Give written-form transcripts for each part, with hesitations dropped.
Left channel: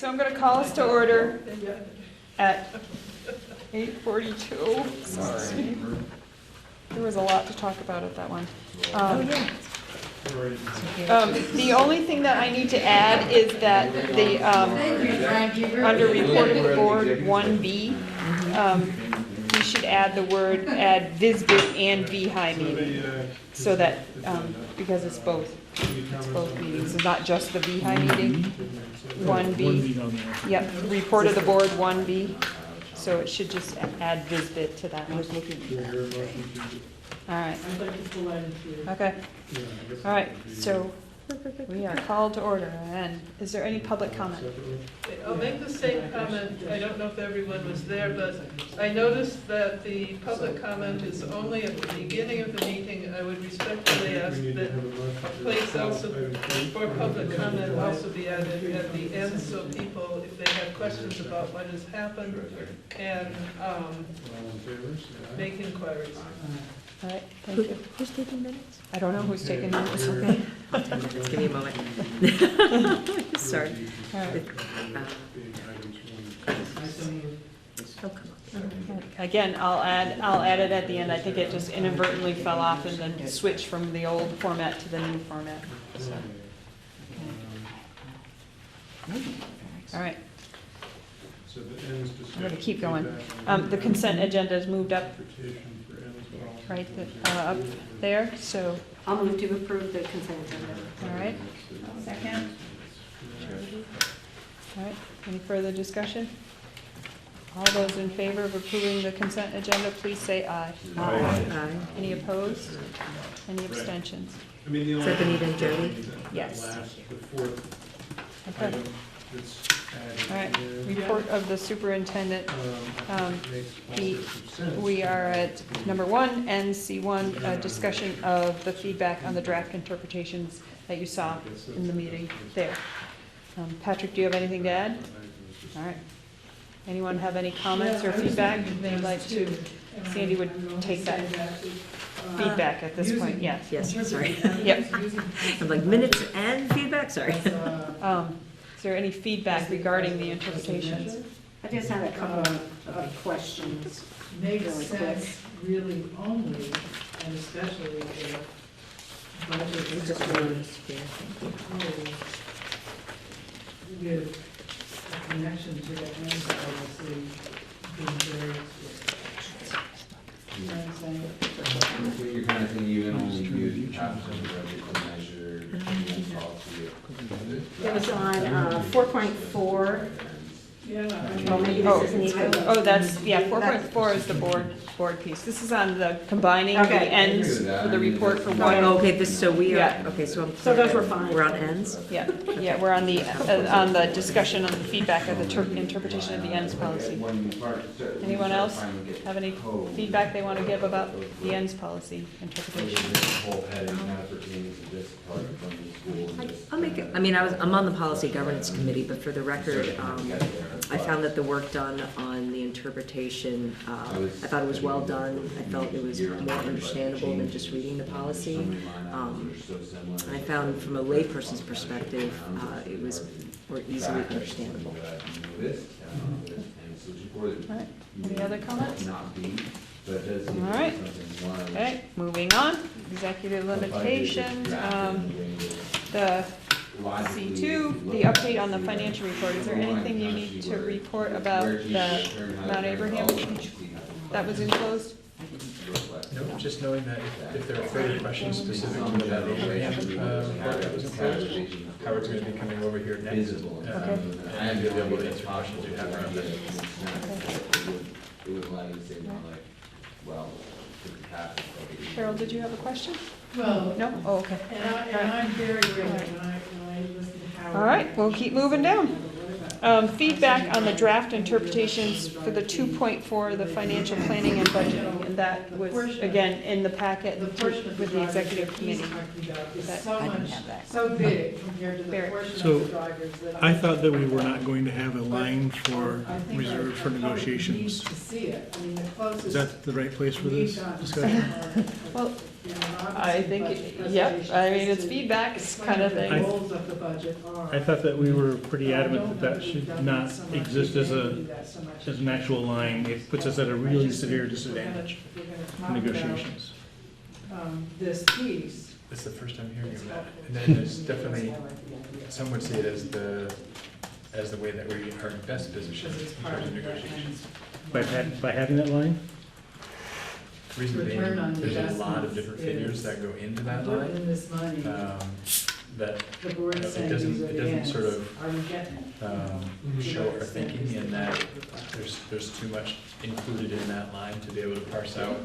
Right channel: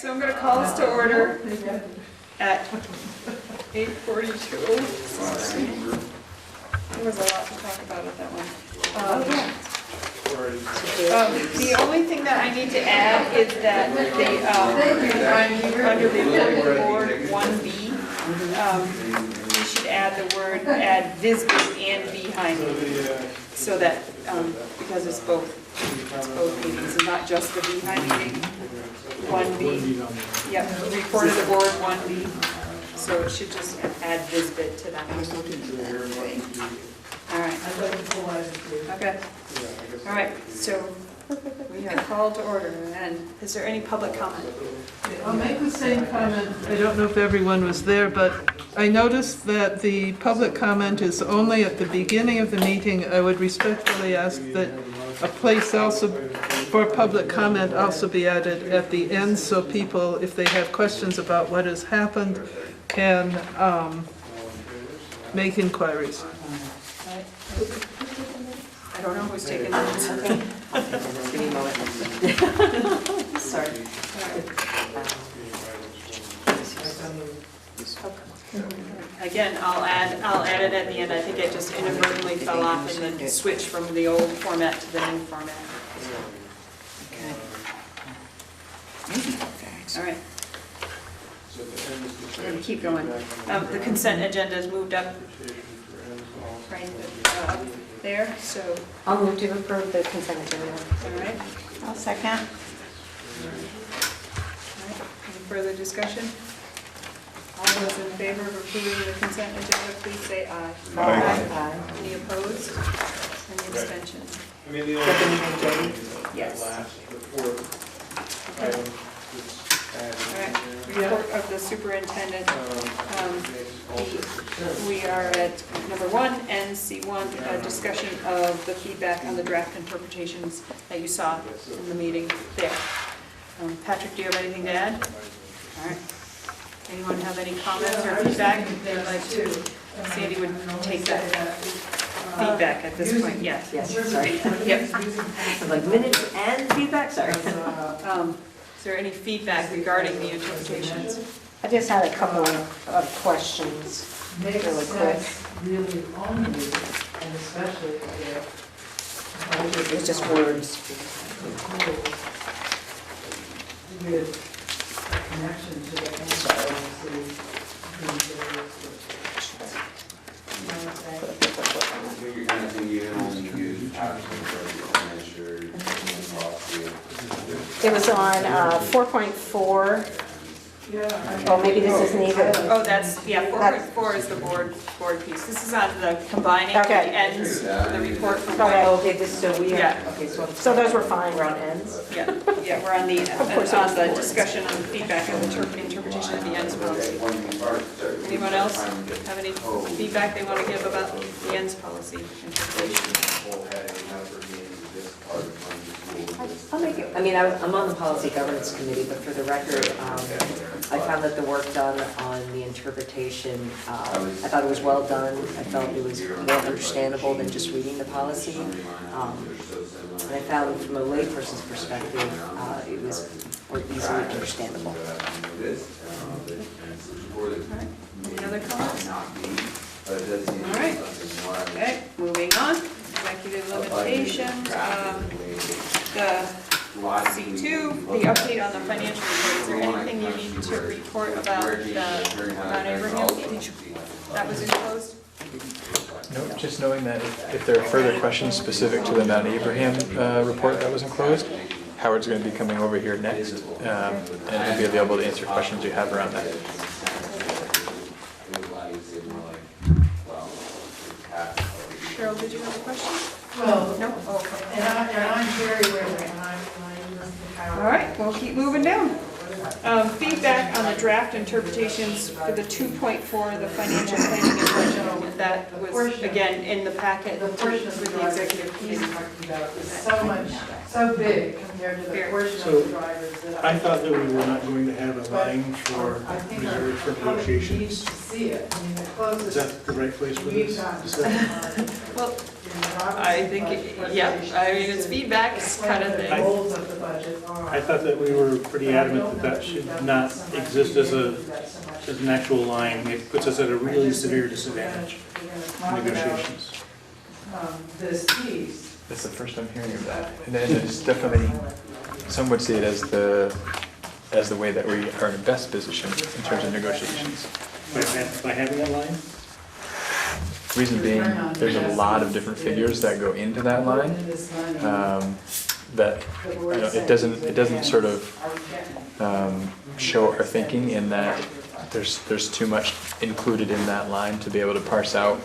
so I'm going to call us to order at 8:42. Sorry. There was a lot to talk about at that one. The only thing that I need to add is that the, under reported form 1B, we should add the word, add Visbit and VHI meeting, so that, because it's both meetings, and not just the VHI meeting. 1B, yep, report of the board 1B, so it should just add Visbit to that. All right. Okay. All right, so we are called to order, and is there any public comment? I'll make the same comment. I don't know if everyone was there, but I noticed that the public comment is only at the beginning of the meeting. I would respectfully ask that a place also for public comment also be added at the end, so people, if they have questions about what has happened, can make inquiries. All right. I don't know who's taking minutes. Okay. Just give me a moment. Sorry. Again, I'll add it at the end. I think it just inadvertently fell off and then switched from the old format to the new format. Okay. All right. We're going to keep going. The consent agenda is moved up right up there, so. I'll move to approve the consent agenda. All right. I'll second. All right. Any further discussion? All those in favor of approving the consent agenda, please say aye. Aye. Any opposed? Any abstentions? Yes. Okay. All right, report of the superintendent. We are at number 1, NC1, discussion of the feedback on the draft interpretations that you saw in the meeting there. Patrick, do you have anything to add? All right. Anyone have any comments or feedback? They'd like to, Sandy would take that feedback at this point, yes. Yes, sorry. Yep. I'm like minutes and feedback, sorry. Is there any feedback regarding the interpretations? I just had a couple of questions, really quick. Really only, and especially if It's just words. with connection to the You're kind of thinking you can only use captions or measure. It was on 4.4. Oh, maybe this isn't even. Oh, that's, yeah, 4.4 is the board piece. This is on the combining the Okay. ends for the report from Okay. Oh, okay, this, so we are, Yeah. okay, so. So those were fine. We're on ends? Yeah, we're on the discussion on the feedback and the interpretation of the ends policy. Anyone else have any feedback they want to give about the ends policy interpretation? I'll make it, I mean, I'm on the policy governance committee, but for the record, I found that the work done on the interpretation, I thought it was well done. I felt it was more understandable than just reading the policy. And I found from a layperson's perspective, it was more easily understandable. Any other comments? All right. Okay, moving on. Executive limitations. The C2, the update on the financial report. Is there anything you need to report about Mount Abraham? That was enclosed? Nope, just knowing that if there are further questions specific to the Mount Abraham report that was enclosed, Howard's going to be coming over here next, and he'll be available to answer questions you have around that. Cheryl, did you have a question? well, No? Oh, okay. and I'm very willing. All right, we'll keep moving down. Feedback on the draft interpretations for the 2.4, the financial planning and budgeting, and that was, again, in the packet The portion of the with the drivers executive that he's committee. talking about is so big compared to the portion So, of the drivers that I thought that we were not going to have a line for I think our reserved for public negotiations. needs to see it. I mean, the Is closest that the right place for we've this gotten. discussion? Well, I think, yeah, I mean, it's feedback, it's kind of thing. Goals of the budget are. I thought that we were pretty adamant that that should not exist as an actual line. It puts us at a really severe disadvantage in negotiations. This piece. That's the first I'm hearing of that. And then it's definitely, some would see it as the way that we are in the best position in terms of negotiations. By having that line? Reason being, there's a lot of different figures that go into that line, that, it doesn't sort of, show our thinking in that there's too much included in that line to be able to parse out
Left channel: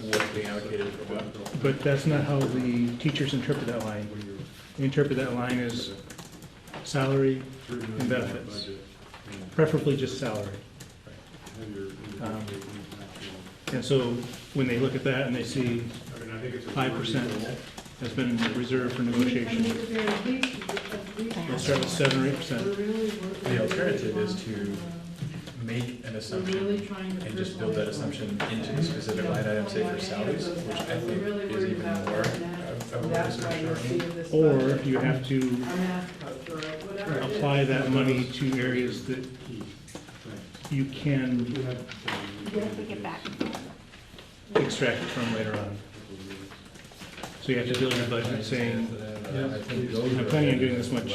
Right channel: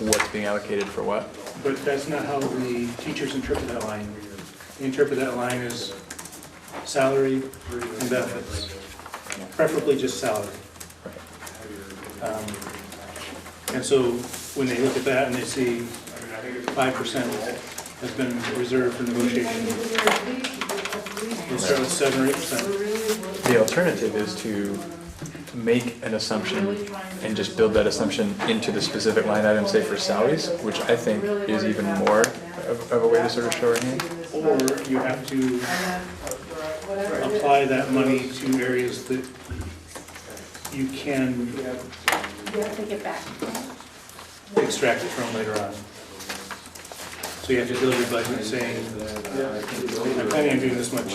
what's being allocated for what. But that's not how the teachers interpret that line. They interpret that line as salary and benefits, preferably just salary. And so when they look at that and they see 5% has been reserved for negotiation, they'll start with 7 or 8%. The alternative is to make an assumption and just build that assumption into the specific line item, say for salaries, which I think is even more of a way to sort of show our hand. Or you have to apply that money to areas that you can Take it back. extract it from later on. So you have to build your budget saying, I'm planning on doing this much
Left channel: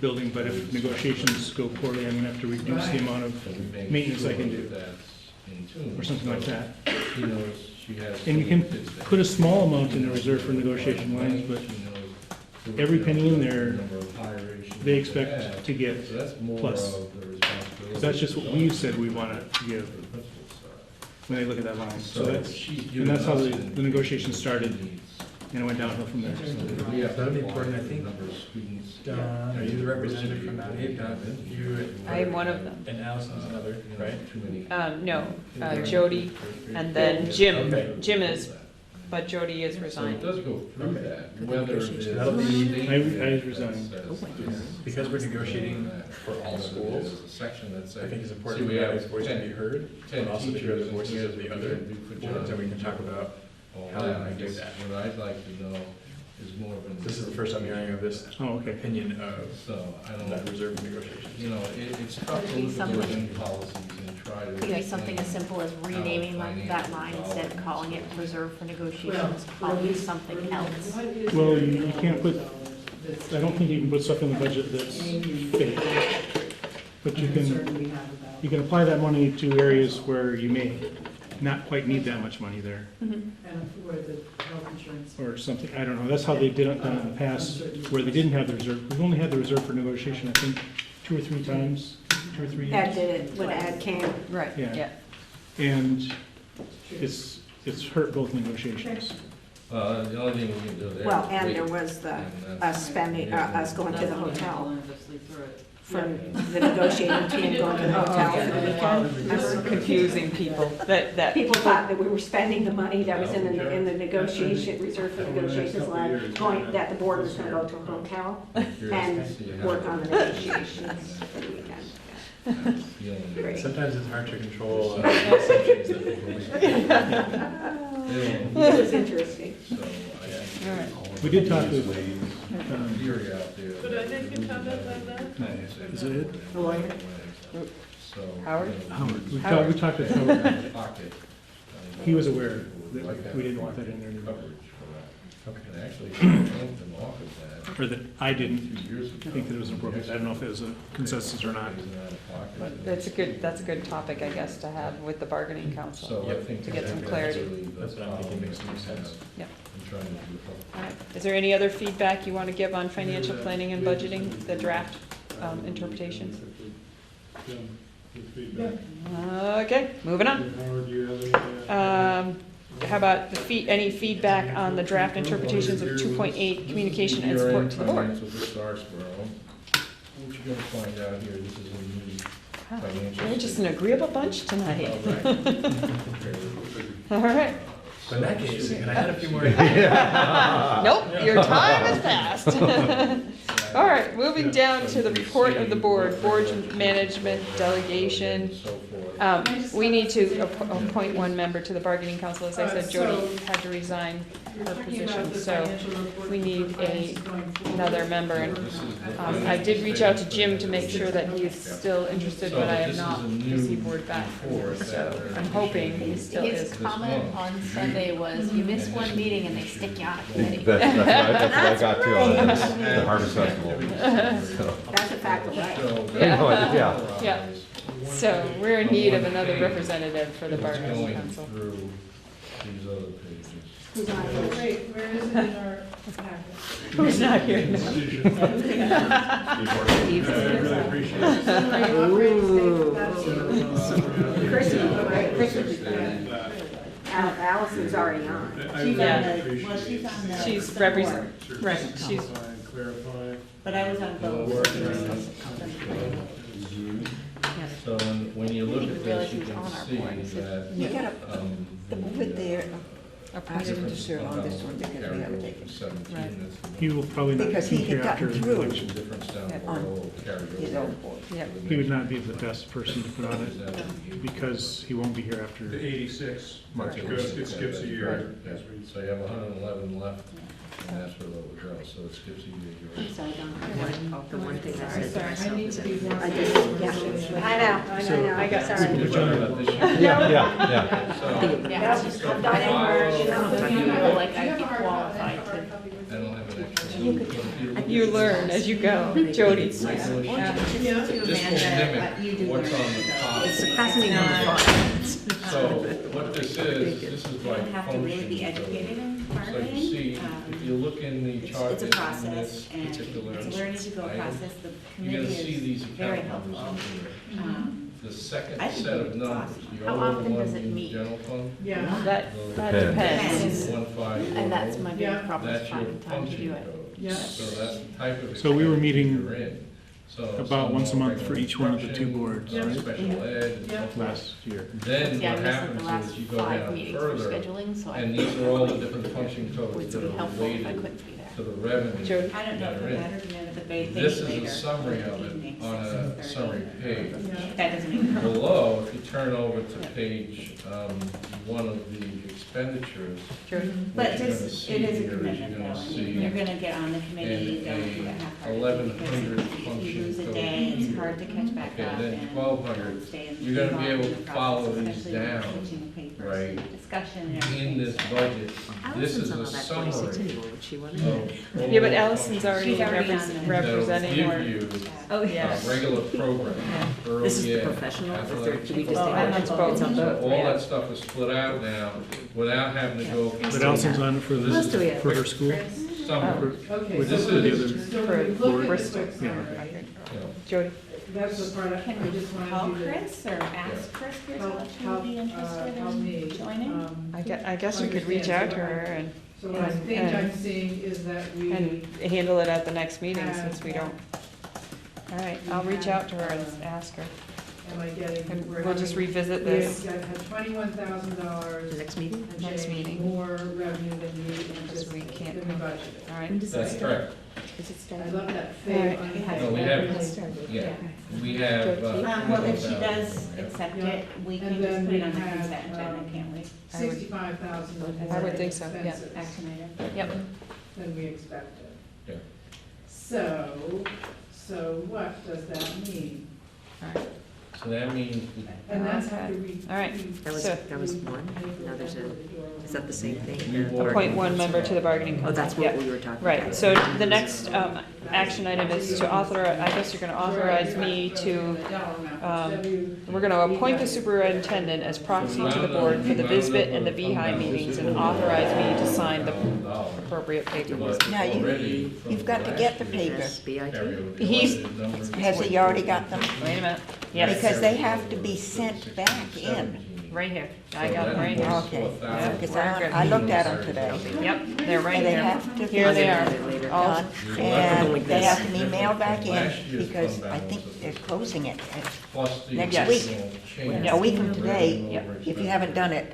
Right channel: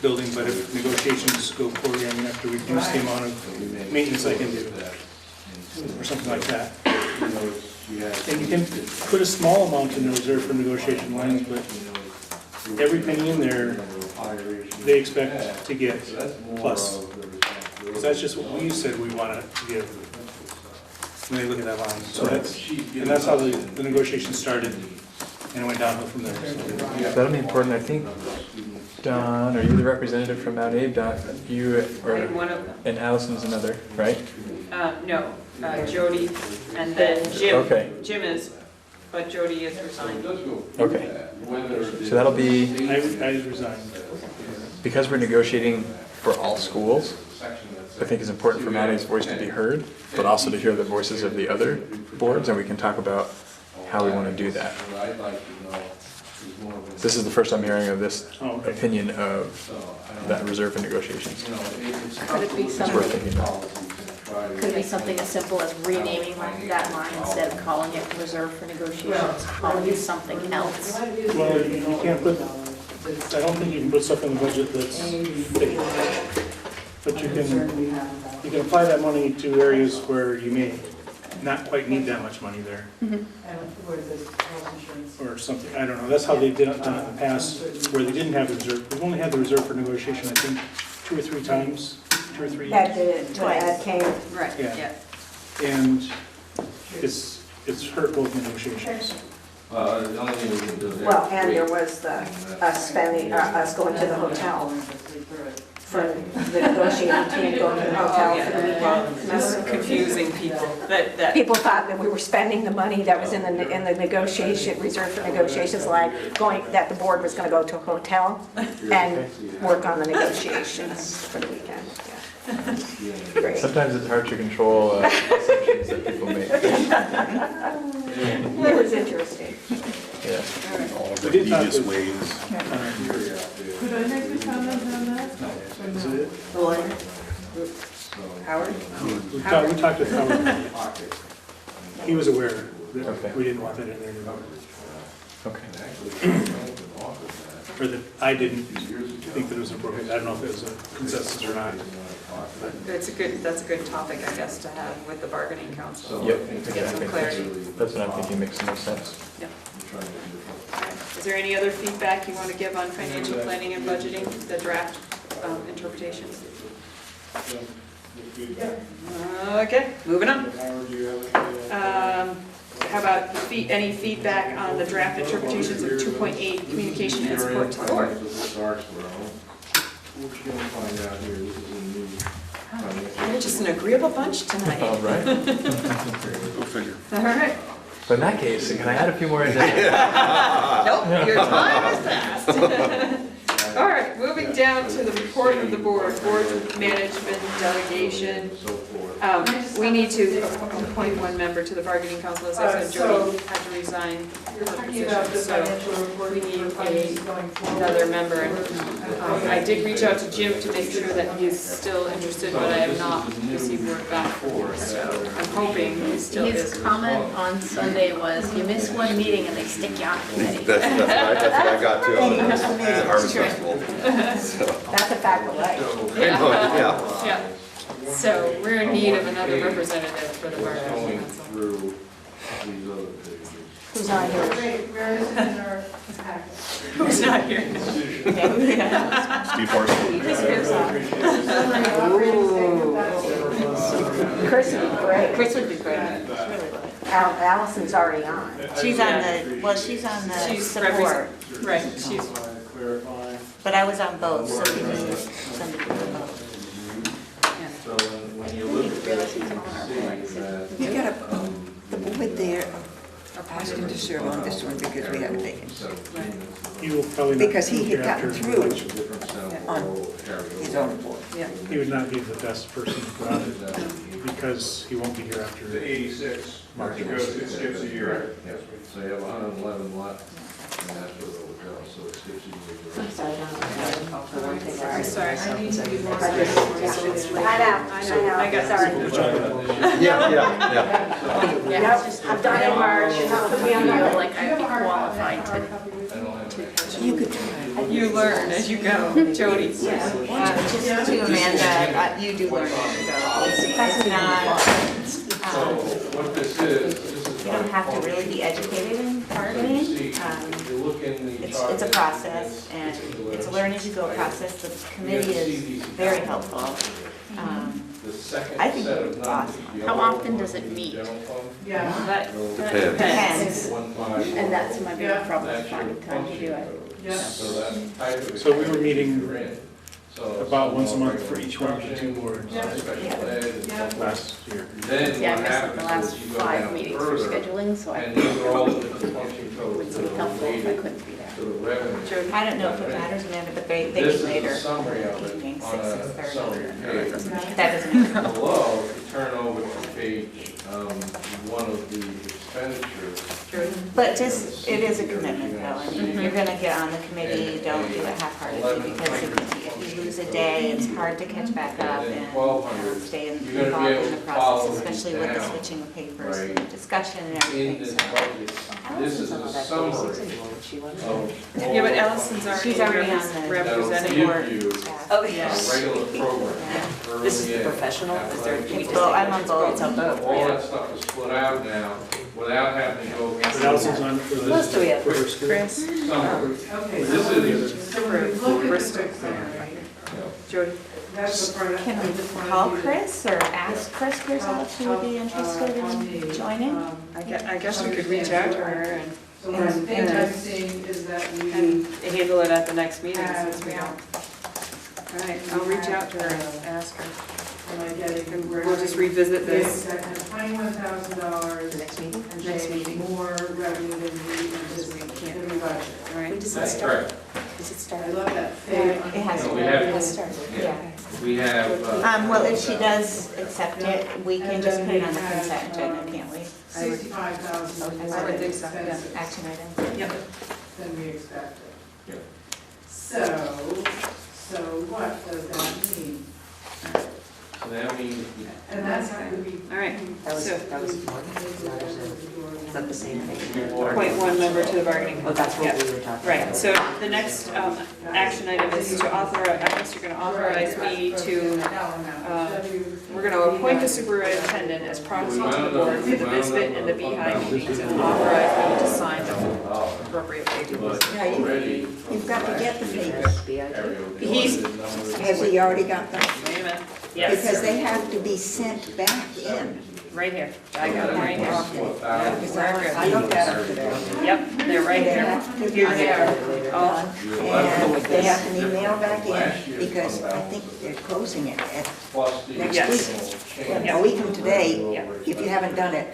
building, but if negotiations go poorly, I'm gonna have to reduce the amount of maintenance I can do, or something like that. And you can put a small amount in the reserve for negotiation lines, but every penny in there, they expect to get plus. Because that's just what we said we wanted to give when they look at that line. So that's how the negotiations started, and it went downhill from there. That'll be important, I think. Don, are you the representative from MtAbe? Don, you I'm one of them. and Allison's another, right? No, Jody, and then Jim. Okay. Jim is, but Jody is resigned. Okay. So that'll be, I resigned. because we're negotiating for all schools, I think it's important for MtAbe's voice to be heard, but also to hear the voices of the other boards, and we can talk about how we want to do that. This is the first I'm hearing of this opinion of that reserve for negotiations. Could it be It's worth something, thinking about. could it be something as simple as renaming that line instead of calling it reserve for negotiations, calling it something else? Well, you can't put, I don't think you can put stuff in the budget that's fake. But you can apply that money to areas where you may not quite need that much money there. Or something, I don't know, that's how they've done it in the past, where they didn't have the reserve. We've only had the reserve for negotiation, I think, 2 or 3 times, 2 or 3 years. Ed did it when Ed came. Right, Yeah. And it's hurt both negotiations. Well, and there was the, us spending, us going to the hotel for the negotiating team going to the hotel for the weekend. This is confusing people, that, People thought that we were spending the money that was in the negotiation, reserved for negotiations line, that the board was gonna go to a hotel and work on the negotiations for the weekend. Great. Sometimes it's hard to control assumptions that people make. It was interesting. Yeah. I did talk with, Could I make a comment on that? is it? Howard? We talked with Howard. He was aware that we didn't want that in there. Okay. Or that I didn't think that it was appropriate. I don't know if it was a consensus or not. That's a good topic, I guess, to have with the bargaining council. Yep. To get some clarity. That's what I'm thinking makes the most sense. Yep. All right. Is there any other feedback you want to give on financial planning and budgeting, the draft interpretations? Okay, moving on. How about any feedback on the draft interpretations of 2.8 communication and support to the board? You're just an agreeable bunch tonight. All right. All right. But in that case, can I add a few more in? Nope, your time has passed. All right, moving down to the report of the board, board management delegation. We need to appoint one member to the bargaining council, as I said, Jody had to resign her position, so we need another member. And, I did reach out to Jim to make sure that he's still interested, but I have not received word back, so I'm hoping he still His is. comment on Sunday was, you miss one meeting and they stick you on a committee. That's what I got too, on the Harvest Festival. So, That's a fact of life. yeah. Yeah, so we're in need of another representative for the bargaining council. Who's on here? Who's not here? Steve Horsey. Chris would be great. Chris would be great. Allison's already on. She's on the, well, she's on the She's support, Right, she's, but I was on both, so we can send it to both. So when you look at Realize this, you he's can on our see board. He said, that. You gotta, the woman there asked him to serve on this one because we had a vacancy. He will probably not Because he be here had after gotten the through election. on his own board. yeah. He would not be the best person to put on it because he won't be here after. The 86, March. it skips a year. So you have 111 left. And that's what it will go, so it skips a year. Sorry, for one thing, I Sorry. I know, I got sorry. Yeah. Yep, I'm done in March, put me on I feel that. like I'd be qualified to. You could try. You learn as you go, Jody. Just to Amanda, you do learn as you go. It's not, So what this is you don't have to really be educated in bargaining. If you look in the It's chart. a process, and it's a learn as you go process. The committee is very helpful. The second I think set of it's numbers. awesome. the How only often one does it in the meet? general fund, That Depends. depends. 151. And that's my big problem, That's your finding time to do it. function code. So that type of. So we were meeting you're in. So about once a month for each one of the two boards Special ed. last year. Then Yeah, I what missed like happens the last is you go 5 down meetings for further, scheduling, so and I these are all the different function codes would that be are helpful if I related couldn't be there. to the revenue. I don't know if it matters, Amanda, but they This meet is later. a summary of it Evening, on 6, a 6:30. summary page. That doesn't matter. Below, if you turn over to page one of the expenditures. But just, it is a commitment, though. I mean, you're gonna get on the committee, don't do it half-heartedly, because if you lose a day, it's hard to catch back up and stay You're gonna involved be in able the to process, follow these especially with the down, switching of papers right, and discussion and In everything. this So budget, this is Allison's on a all that summary 46 anymore, she wasn't. of. Yeah, but all Allison's already She's already on the- That'll representing. give you Oh, a Yeah. regular program. This is the early ed, professional, is there, athletic, do we just Well, take I'm on it? both. It's on both, all right? that stuff is split out now without having to go. But Allison's on for Who else do we this, have? for her school. Chris, Summary. Okay. This is, for Bristol. Jody, can we call Chris or ask Chris Griswold to be interested in joining? I guess we could reach out to her and So the thing I'm seeing is that we. handle it at the next meeting, since we don't. All right, I'll reach out to her and ask her. We'll just revisit this. $21,000. Next meeting? Next meeting. More revenue than we anticipated in the budget. All When right, does it that's start? correct. Does it I start? love that It thing. has So to. we have- It has started, Yeah. We have. Well, if she does accept it, we can just put it on the consent agenda, can't we? $65,000. I would think so, yeah. Action item. Yep. Than we expected. Yeah. So what does that mean? So that means. And that's how we. all right. That was, So, that was one, the other side. Is that the same thing? appoint one member to the bargaining. Oh, that's Yep. what we were talking about. Right, so the next action item is to authorize, I guess you're gonna authorize me to, we're gonna appoint the superintendent as proxy to the board for the Bisbit and the Beehive meetings and authorize me to sign the appropriate papers. Now, you've got to get the papers. BIT. He's- Has he already got them? Wait a minute, Because yes, they have to be sent back in. right here, I got it right here. Yep, Because I looked at them today. Yep, they're right They here, have to be here they are. All- done, and they have to be mailed back in, because I think they're closing it at next Yes. week. A week from today, Yeah. if you haven't done it.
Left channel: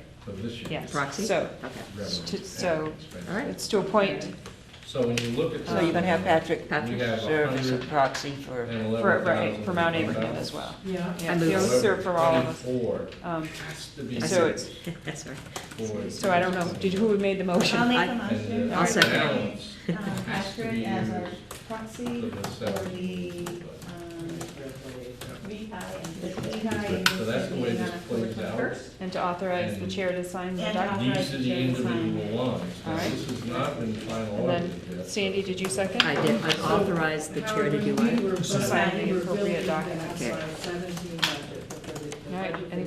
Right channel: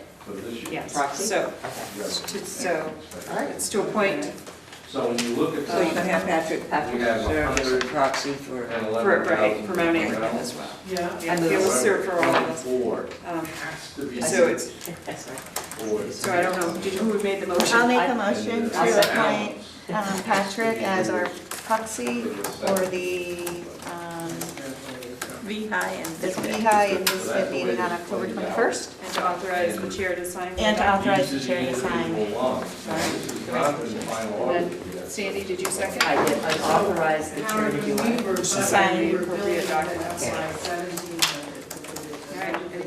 Yes, Proxy? so, Okay. so, All right. it's to appoint So when you look at. So you're gonna have Patrick We have serve as a 100 proxy for, and For, 11,000 right, for Mount Abraham as well. Yeah. Yeah, he'll serve for all of us. Four Um, has to be. So it's, That's right. four. so I don't know, who made the motion? I'll make a motion I'll to second. appoint Patrick as our proxy for the this VHI and this meeting on October 21st. And to authorize the chair to sign. the And to document. authorize the chair to sign. And then, Sandy, did you second? I did, I authorized the chair to do it. To sign the appropriate documents. All right, any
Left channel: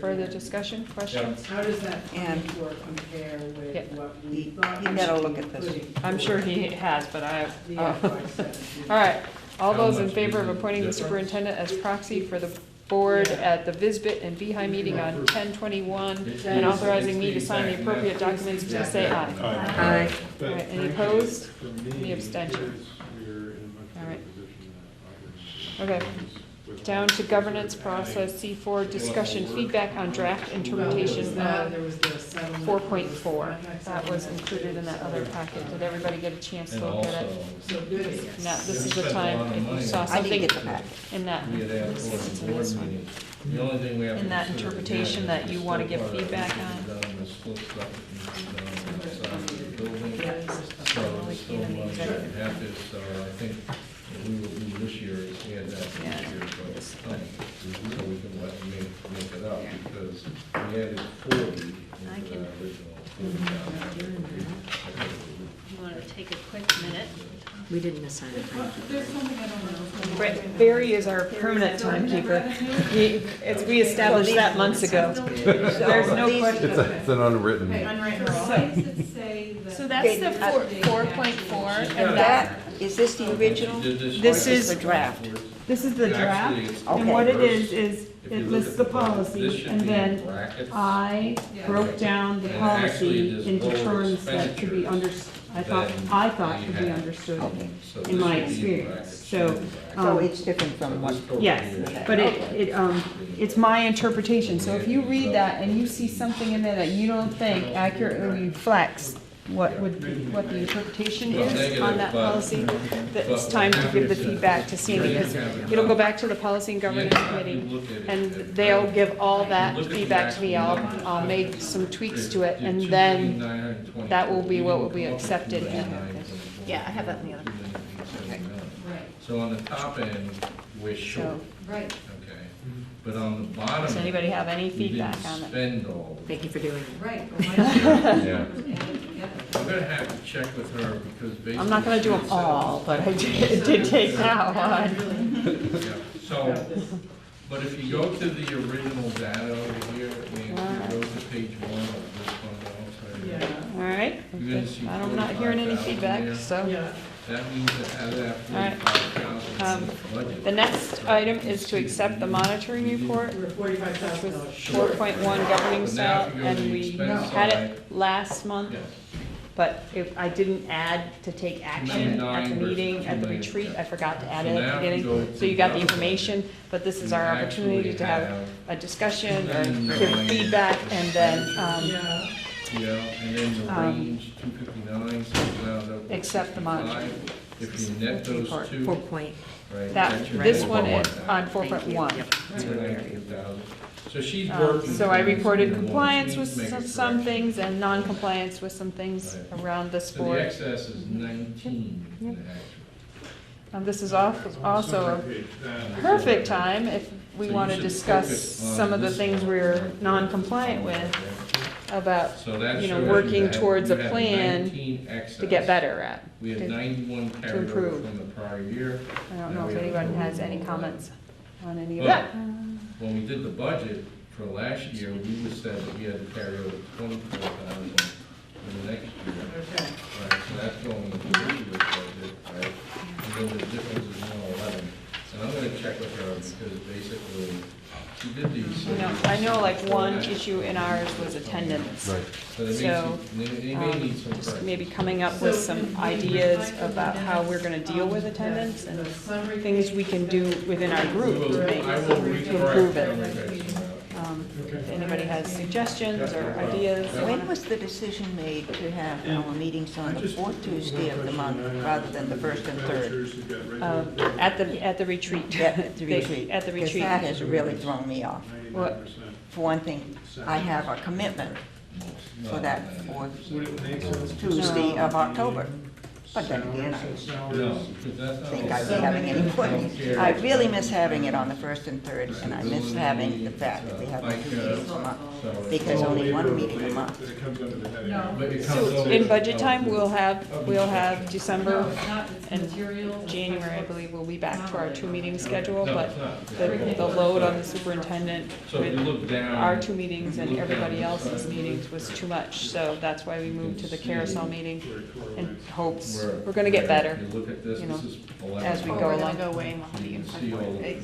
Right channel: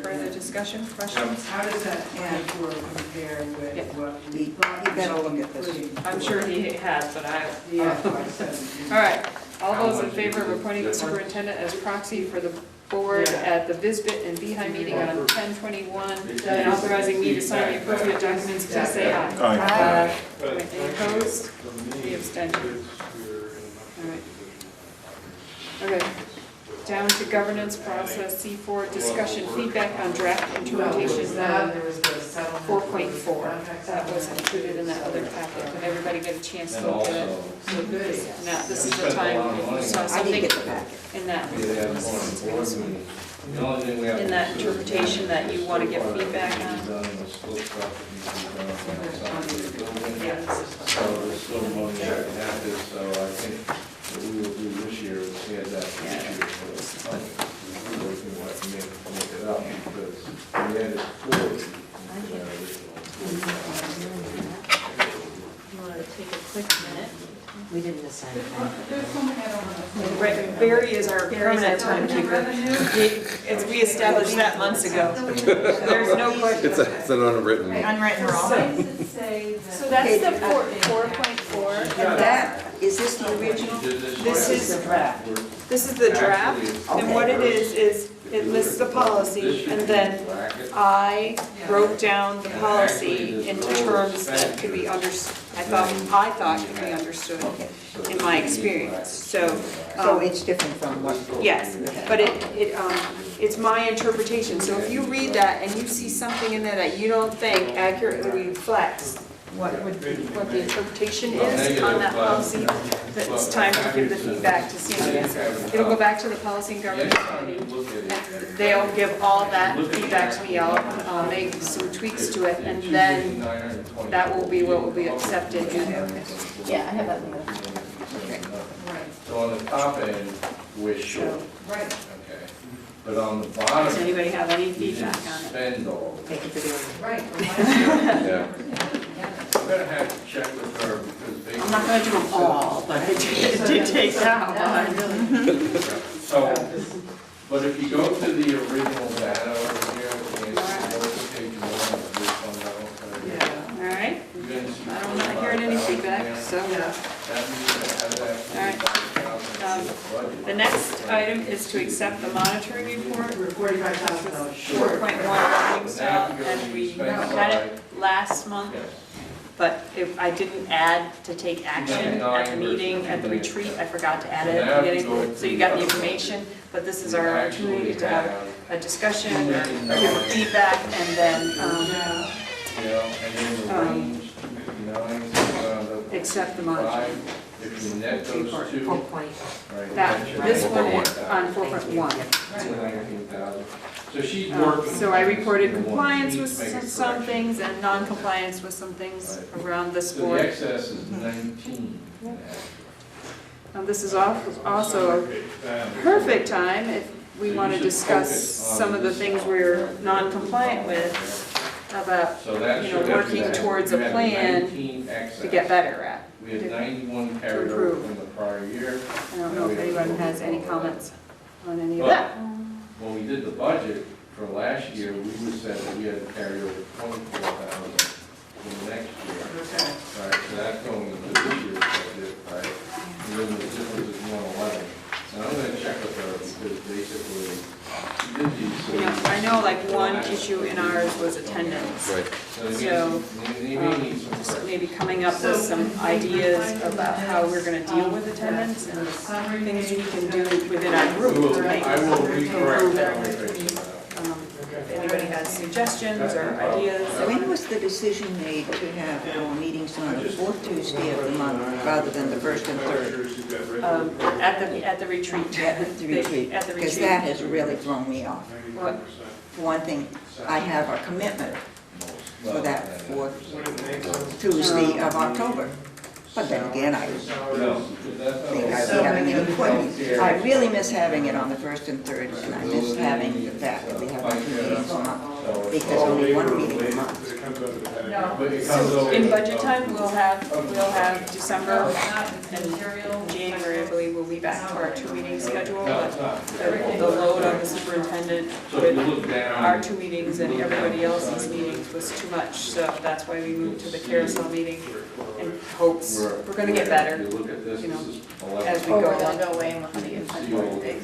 further discussion, questions? How does that and compare with Yep. what he better look at this. I'm sure he has, but all right, all those in favor of appointing the superintendent as proxy for the board at the Visbit and Behi meeting on 10/21 and authorizing me to sign the appropriate documents, please say aye. Aye. All right, any opposed? Any abstentions? All right. Okay, down to governance process, C4, discussion feedback on draft implementation 4.4. That was included in that other packet. Did everybody get a chance to look at it? Now, this is the time, if you saw I didn't something get the packet. in that, The only thing we have. in that interpretation that you want to give feedback on. So there's still money that we have this, so I think what we will do this year is get that this year, but it's not, we can make it up, because we had it toward the original. You want to take a quick minute? We didn't assign it. Barry is our permanent timekeeper. We established that months ago. There's no question. It's an unwritten. Unwritten rule. So that's the 4.4, and that, That, is this the original? this is, The draft. this is the draft, and what it is it lists the policy, and then I broke down the policy into terms that could be I thought could be understood in my experience, so. So it's different from what? Yes, but it's my interpretation, so if you read that and you see something in there that you don't think accurately reflects what the interpretation is on that policy, that it's time to give the feedback to CMS. It'll go back to the Policy and Governance Committee, and they'll give all that feedback to me. I'll make some tweaks to it, and then that will be what will be accepted. Yeah, I have that in the other. So on the top end, we're short. Right. Okay, but on the bottom. Does anybody have any we didn't feedback on it? spend all. Thank you for doing it. Right. Yeah. I'm gonna have to check with her because basically. I'm not gonna do them all, but I did take that one. So, but if you go to the original data over here, and you go to page 1 of this fundamental. All right, You're gonna see. I'm not hearing any 45,000 feedback, there. so. That means that out of that All right. 45,000 budget. The next item is to accept the monitoring report, which was 4.1 governing style, and we had it last month, Yes. but I didn't add to take action at the meeting, at the retreat, I forgot to add it at the beginning. So you got the information, but this is our opportunity to have a discussion, or give feedback, and then, Yeah, and then the range, 259, so round up accept the monitoring. 5. If you net those two, 4 point. right? That, that's your this one 19,000. is on 4.1. 19,000. So she's working. So I reported she's compliance needs with to make a some correction. things and non-compliance with some things around this So the board. excess is 19. This is also a perfect time if we want to discuss some of the things we're non-compliant with, about, So that shows working that towards a you had plan 19 excess. to get better at. We had 91 carryover improve. from the prior year. I don't know if anyone has any comments on any of But that. when we did the budget for last year, we would say that we had to carry over 24,000 in the next year. Right, so that's going into this year's budget, right? And then the difference is 111. So I'm gonna check with her because basically, she did these. I know like one issue in ours was attendance. Right. So they So, may need some Just correction. maybe coming up with some ideas about how we're gonna deal with attendance and things we can do within our We group, will- right? I will To recorrect improve that it. information. If anybody has suggestions or ideas. When was the decision made to have our meetings on the fourth Tuesday of the month rather than the first and third? At the retreat. At the retreat, At the because retreat. that has really thrown me off. What? For one thing, I have a commitment for that fourth Tuesday of October. But then again, I No, because that's think not. I'll be having it in I really miss having it on the first and third, and I miss having the fact that we have two meetings a month, because only one meeting a month. But it comes over. In budget time, we'll have December and January, I believe, we'll be back to our 2-meeting schedule, No, but it's not. the load on the superintendent So if you with look down. our 2 meetings and everybody else's meetings was too much, so that's why we moved to the carousel meeting in hopes we're gonna get better, If you look at this, you know, this is as we Or go they'll on. go away and we'll have to get See a all big.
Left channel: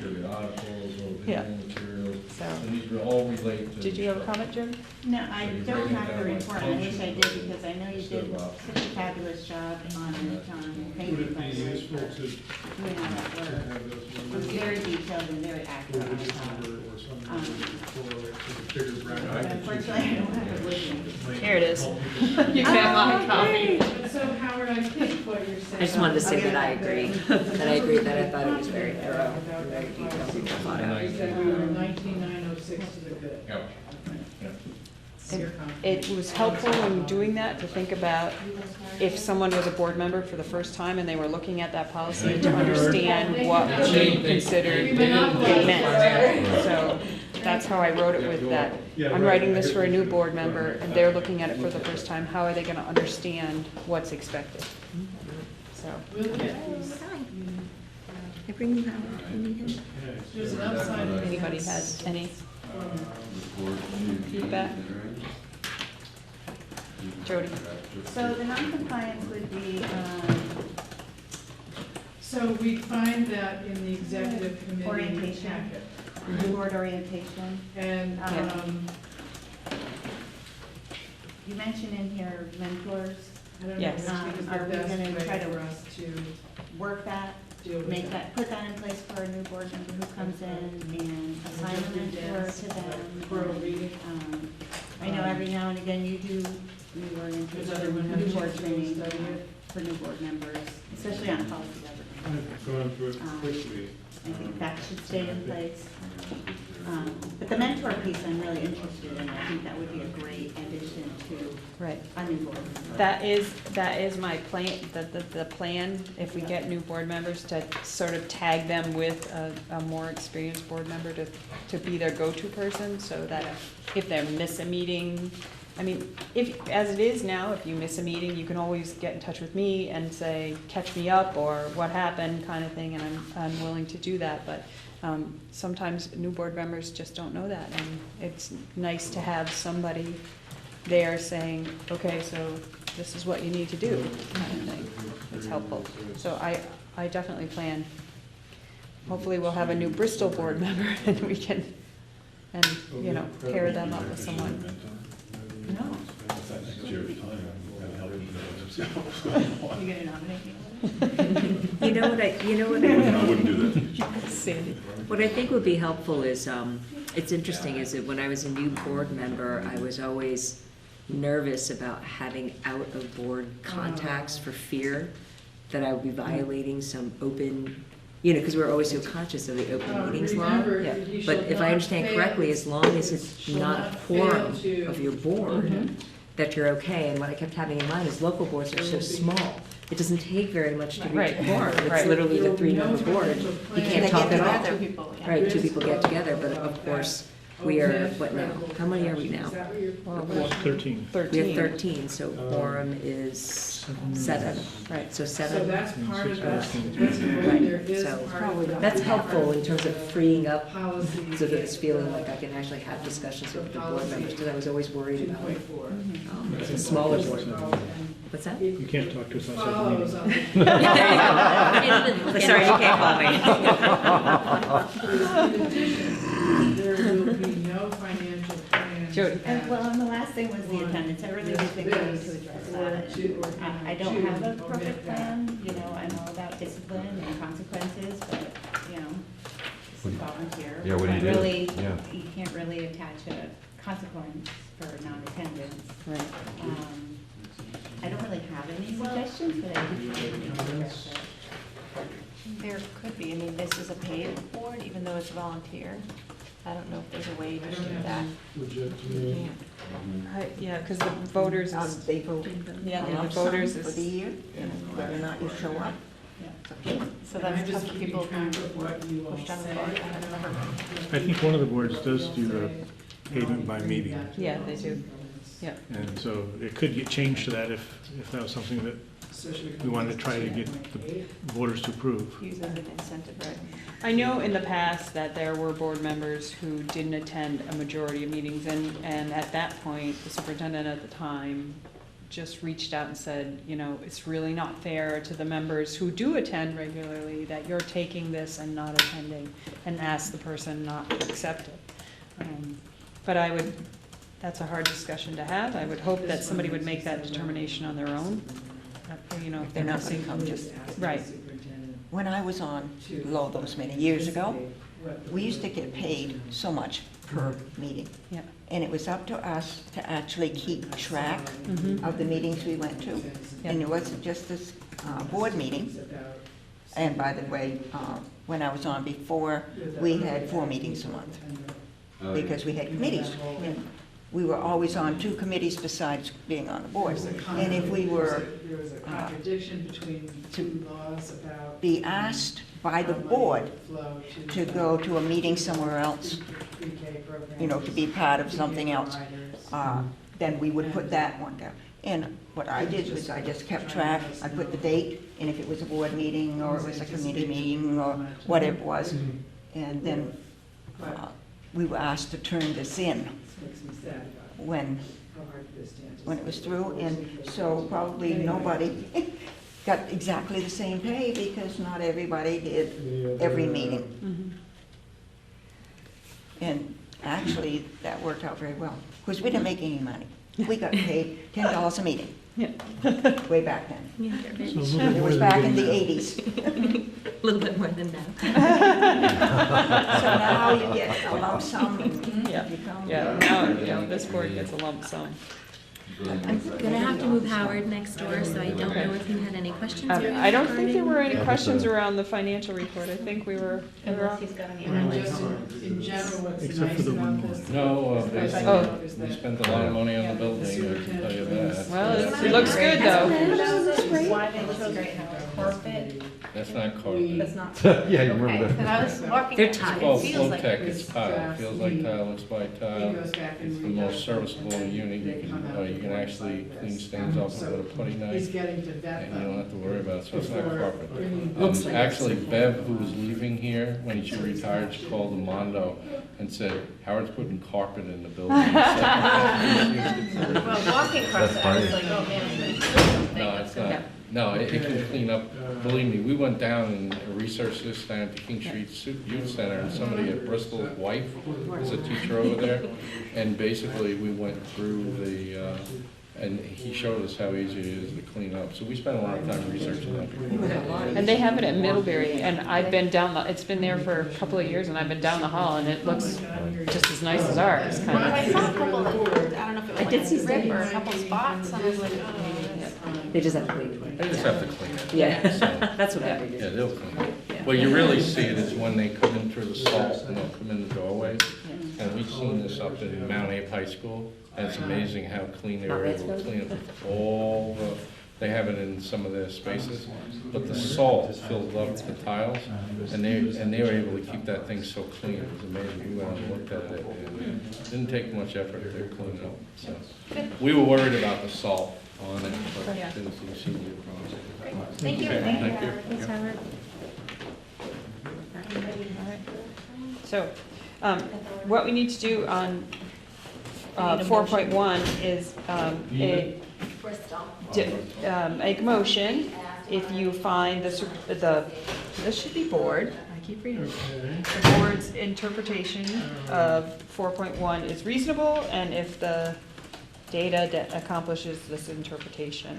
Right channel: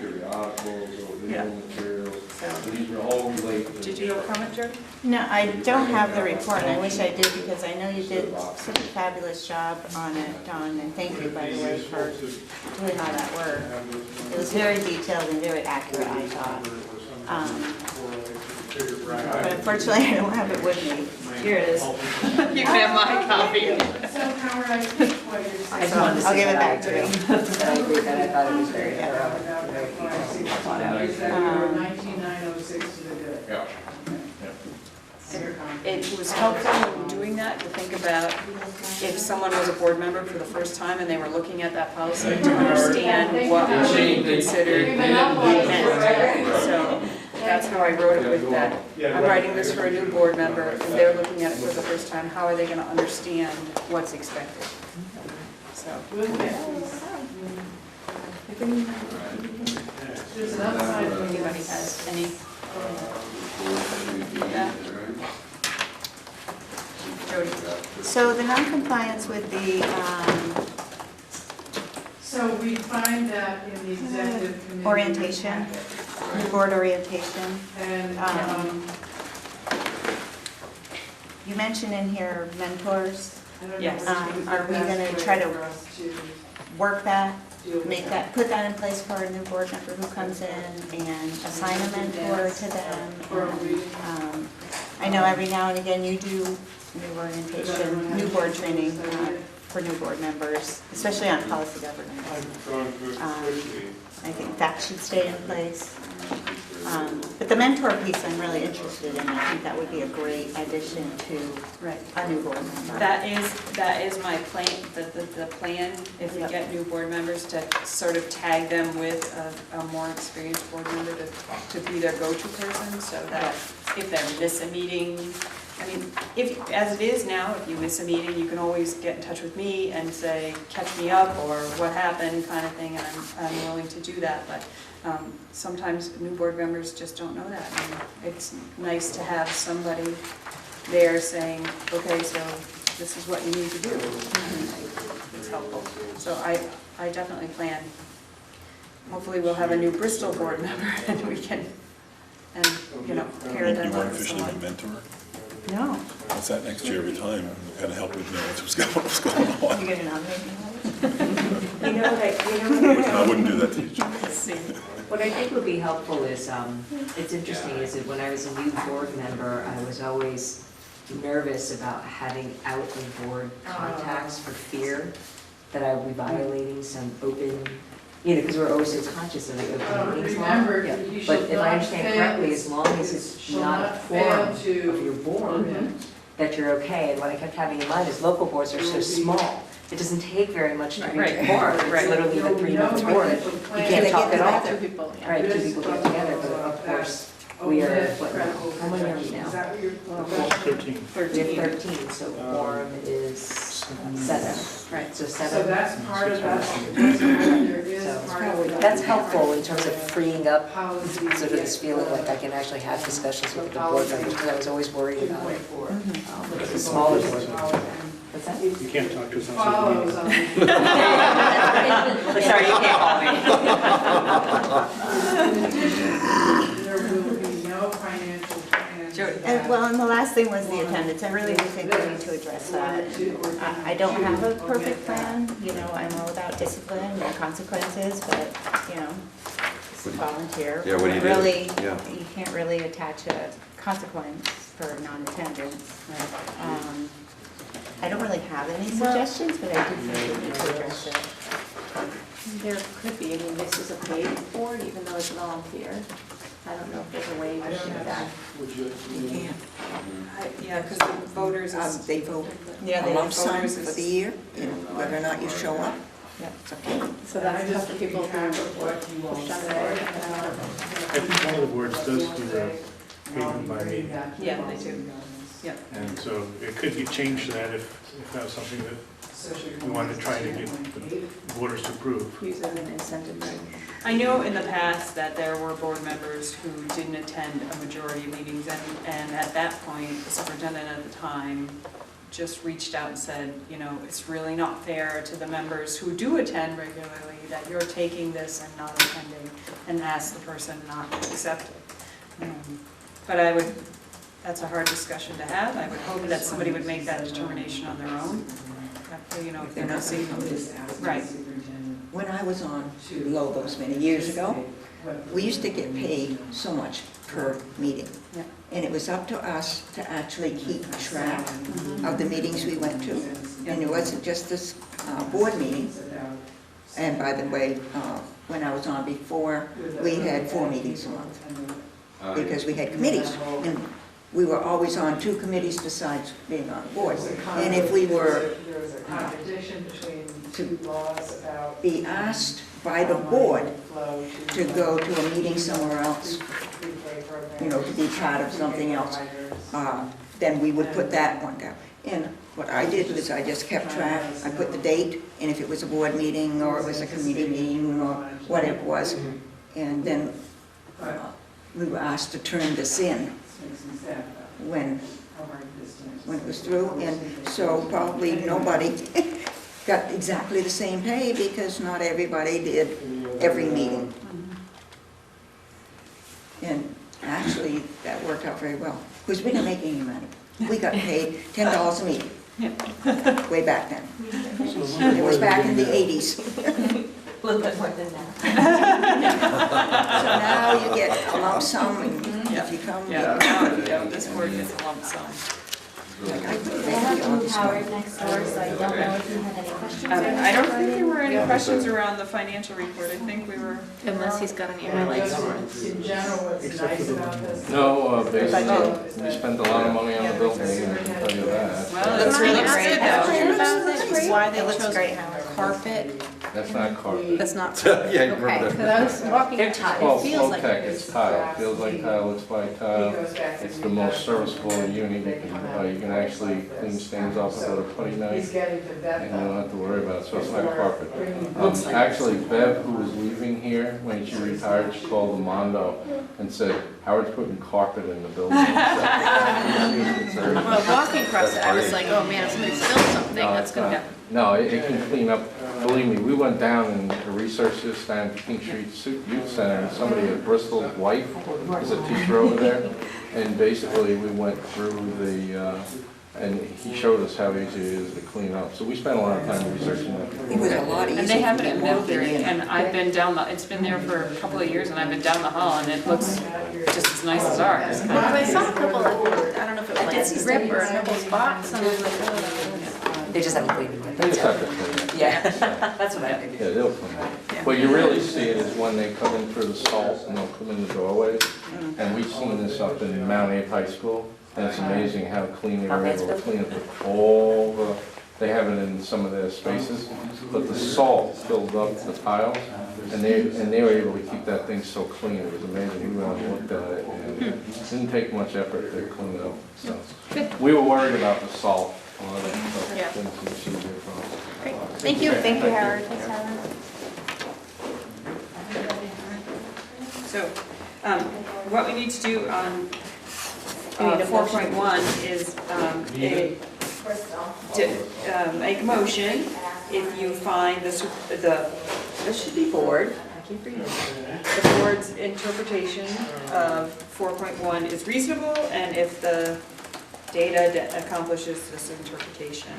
periodicals or Yeah. visual materials, So, and these are all related to. did you have a comment, Joe? No, I don't have the report. I wish I did because I know you did such a fabulous job on it, Dawn, and thank you, by the way, for doing all that work. It was very detailed and very accurate, I thought. But unfortunately, I don't have it with me. Here it is. You can have my copy. I just wanted to I'll say give it that I back to agree. you. That I agree, that I thought it was very thorough, very detailed, thought out. Yeah. It was helpful in doing that, to think about if someone was a board member for the first time and they were looking at that policy, to understand what was being considered meant. So that's how I wrote it with that. I'm writing this for a new board member, and they're looking at it for the first time. How are they gonna understand what's expected? So. If anybody has any feedback? Jody? So the non-compliance with the, So we find that in the executive committee. orientation, the board orientation, And, you mentioned in here mentors. I don't know. Yes. which is the Are we best gonna way try to for us to work that, deal with make that, put that in place for a new board member who comes in and assign a mentor to them. For a reading. I know every now and again you do new orientation, new board training for new board members, especially on policy governance. I think that should stay in place. But the mentor piece I'm really interested in. I think that would be a great addition to Right. a new board member. That is my plan, the plan, if we get new board members, to sort of tag them with a more experienced board member to be their go-to person, so that if they miss a meeting, I mean, if, as it is now, if you miss a meeting, you can always get in touch with me and say, catch me up, or what happened, kind of thing, and I'm willing to do that, but sometimes new board members just don't know that, and it's nice to have somebody there saying, okay, so this is what you need to do. It's helpful. So I definitely plan. Hopefully we'll have a new Bristol board member and we can, and, you know, pair them up with someone. mentor? No. I sat next to you every time, kind of help with what's going on. You gonna nominate me? You know what I wouldn't do that to you. See. What I think would be helpful is, it's interesting, is that when I was a new board member, I was always nervous about having out-of-board contacts for fear that I would be violating some open, you know, because we're always so conscious of the open meetings law. remember, Yeah. you But shall if I not understand fail- correctly, as long as it's shall not a not forum fail of to- your board, that you're okay. And what I kept having in mind is local boards are so small. It doesn't take very much to reach Right. a quorum. It's Right. literally a 3-month board. You can't They talk get at all. together. People, yeah. Right, 2 people get together, but of course, we are, what now? How many are we now? 13. We have 13, so quorum is 7. Right. So So 7. that's part of that. There is So part of that. that's helpful in terms of freeing up Policy. sort of this feeling like I can actually have discussions with the board members, because I was always worried about it's a smaller board. What's that mean? You can't talk to us on social Follows media. on. Sorry, you can't call me. There will be no financial plan. Jody. And, well, and the last thing was the attendance. I really do think we need to address that. I don't have a perfect plan, you know, I'm all about discipline and consequences, but, you know, volunteer. Yeah, when he did it, Really, yeah. you can't really attach a consequence for non-attendance. I don't really have any suggestions, but I do think we need to address it. There could be, I mean, this is a paid board, even though it's volunteer. I don't know if there's a way to do that. You can't. Yeah, because the voters is, They vote yeah, a the lump sum voters for is. the year, whether or not you show up. Yeah. It's up to you. So that's tough for people who push on the board. I think one of the boards does do the payment by meeting. Yeah, they do. Yeah. And so it could get changed to that if that was something that we wanted to try to get the voters to approve. Use it as an incentive, right? I know in the past that there were board members who didn't attend a majority of meetings, and at that point, the superintendent at the time just reached out and said, you know, it's really not fair to the members who do attend regularly that you're taking this and not attending, and asked the person not to accept it. But I would, that's a hard discussion to have. I would hope that somebody would make that determination on their own. You know, if they're not seeing, right. When I was on Logos many years ago, we used to get paid so much per meeting. Yeah. And it was up to us to actually keep track of the meetings we went to. And it wasn't just this board meeting. And by the way, when I was on before, we had 4 meetings a month because we had committees. And we were always on 2 committees besides being on the board. And if we were to be asked by the board to go to a meeting somewhere else, you know, to be part of something else, then we would put that one down. And what I did was I just kept track. I put the date, and if it was a board meeting or it was a committee meeting or whatever it was, and then we were asked to turn this in when it was through, and so probably nobody got exactly the same pay because not everybody did every meeting. And actually, that worked out very well, because we didn't make any money. We got paid $10 a meeting. Yeah. Way back then. It was back in the 80s. A little bit more than that. So now you get a lump sum, and if you come, Yeah, now, yeah, this board gets a lump sum. I have to move Howard next door, so I don't know if you had any questions. I don't think there were any questions around the financial report. I think we were. Unless he's got any highlights. In general, it's nice about this. No, basically, we spent a lot of money on the building, I can tell you that. Well, it looks good though. Why they chose carpet, That's not carpet. that's not. Yeah, I remember Okay, that. 'cause I was walking They're outside, tile. it Called feels flow like. tech, it's tile, it feels like tile, looks by tile. It's the most serviceable unit, you can actually clean stains off with a putty He's knife, getting to that. and you don't have to worry about it, so it's not carpet. Actually, Bev, who was leaving here, when she retired, she called the Mondo and said, Howard's putting carpet in the building. Well, walking across it, I was like, oh man, somebody spilled something, No, that's it's gonna not. happen. No, it can clean up, believe me, we went down and researched this down at King Street Youth Center, and somebody at Bristol's wife is a teacher over there, and basically we went through the, and he showed us how easy it is to clean up, so we spent a lot of time researching that. it was a lot easier. And they have it at to walk Middlebury, in. and I've been down it's been there for a couple of years, and I've been down the hall, and it looks just as nice as ours. Well, I saw a couple of, I don't know if it was like rip or a couple spots, and I was like, oh. They just haven't cleaned it. They just have to clean it. Yeah, So, that's what I figured. yeah, they'll clean it. Well, you really see it is when they come in through the salt and they'll come in the doorways, and we've seen this up in Mount Abe High School, and it's amazing how clean they were able to clean it with all the, they have it in some of their spaces, but the salt filled up the tiles, and they were able to keep that thing so clean, it was amazing, we went and looked at it, and it didn't take much effort to clean it up, so. We were worried about the salt on it, but Yeah. didn't seem to be a problem. Great, thank you. Okay, Thank you, thank you. Howard. Thanks, Howard. So, what we need to do on We need a motion. 4.1 is make a motion if you find this should be board. The board's interpretation of 4.1 is reasonable, and if the data that accomplishes this interpretation,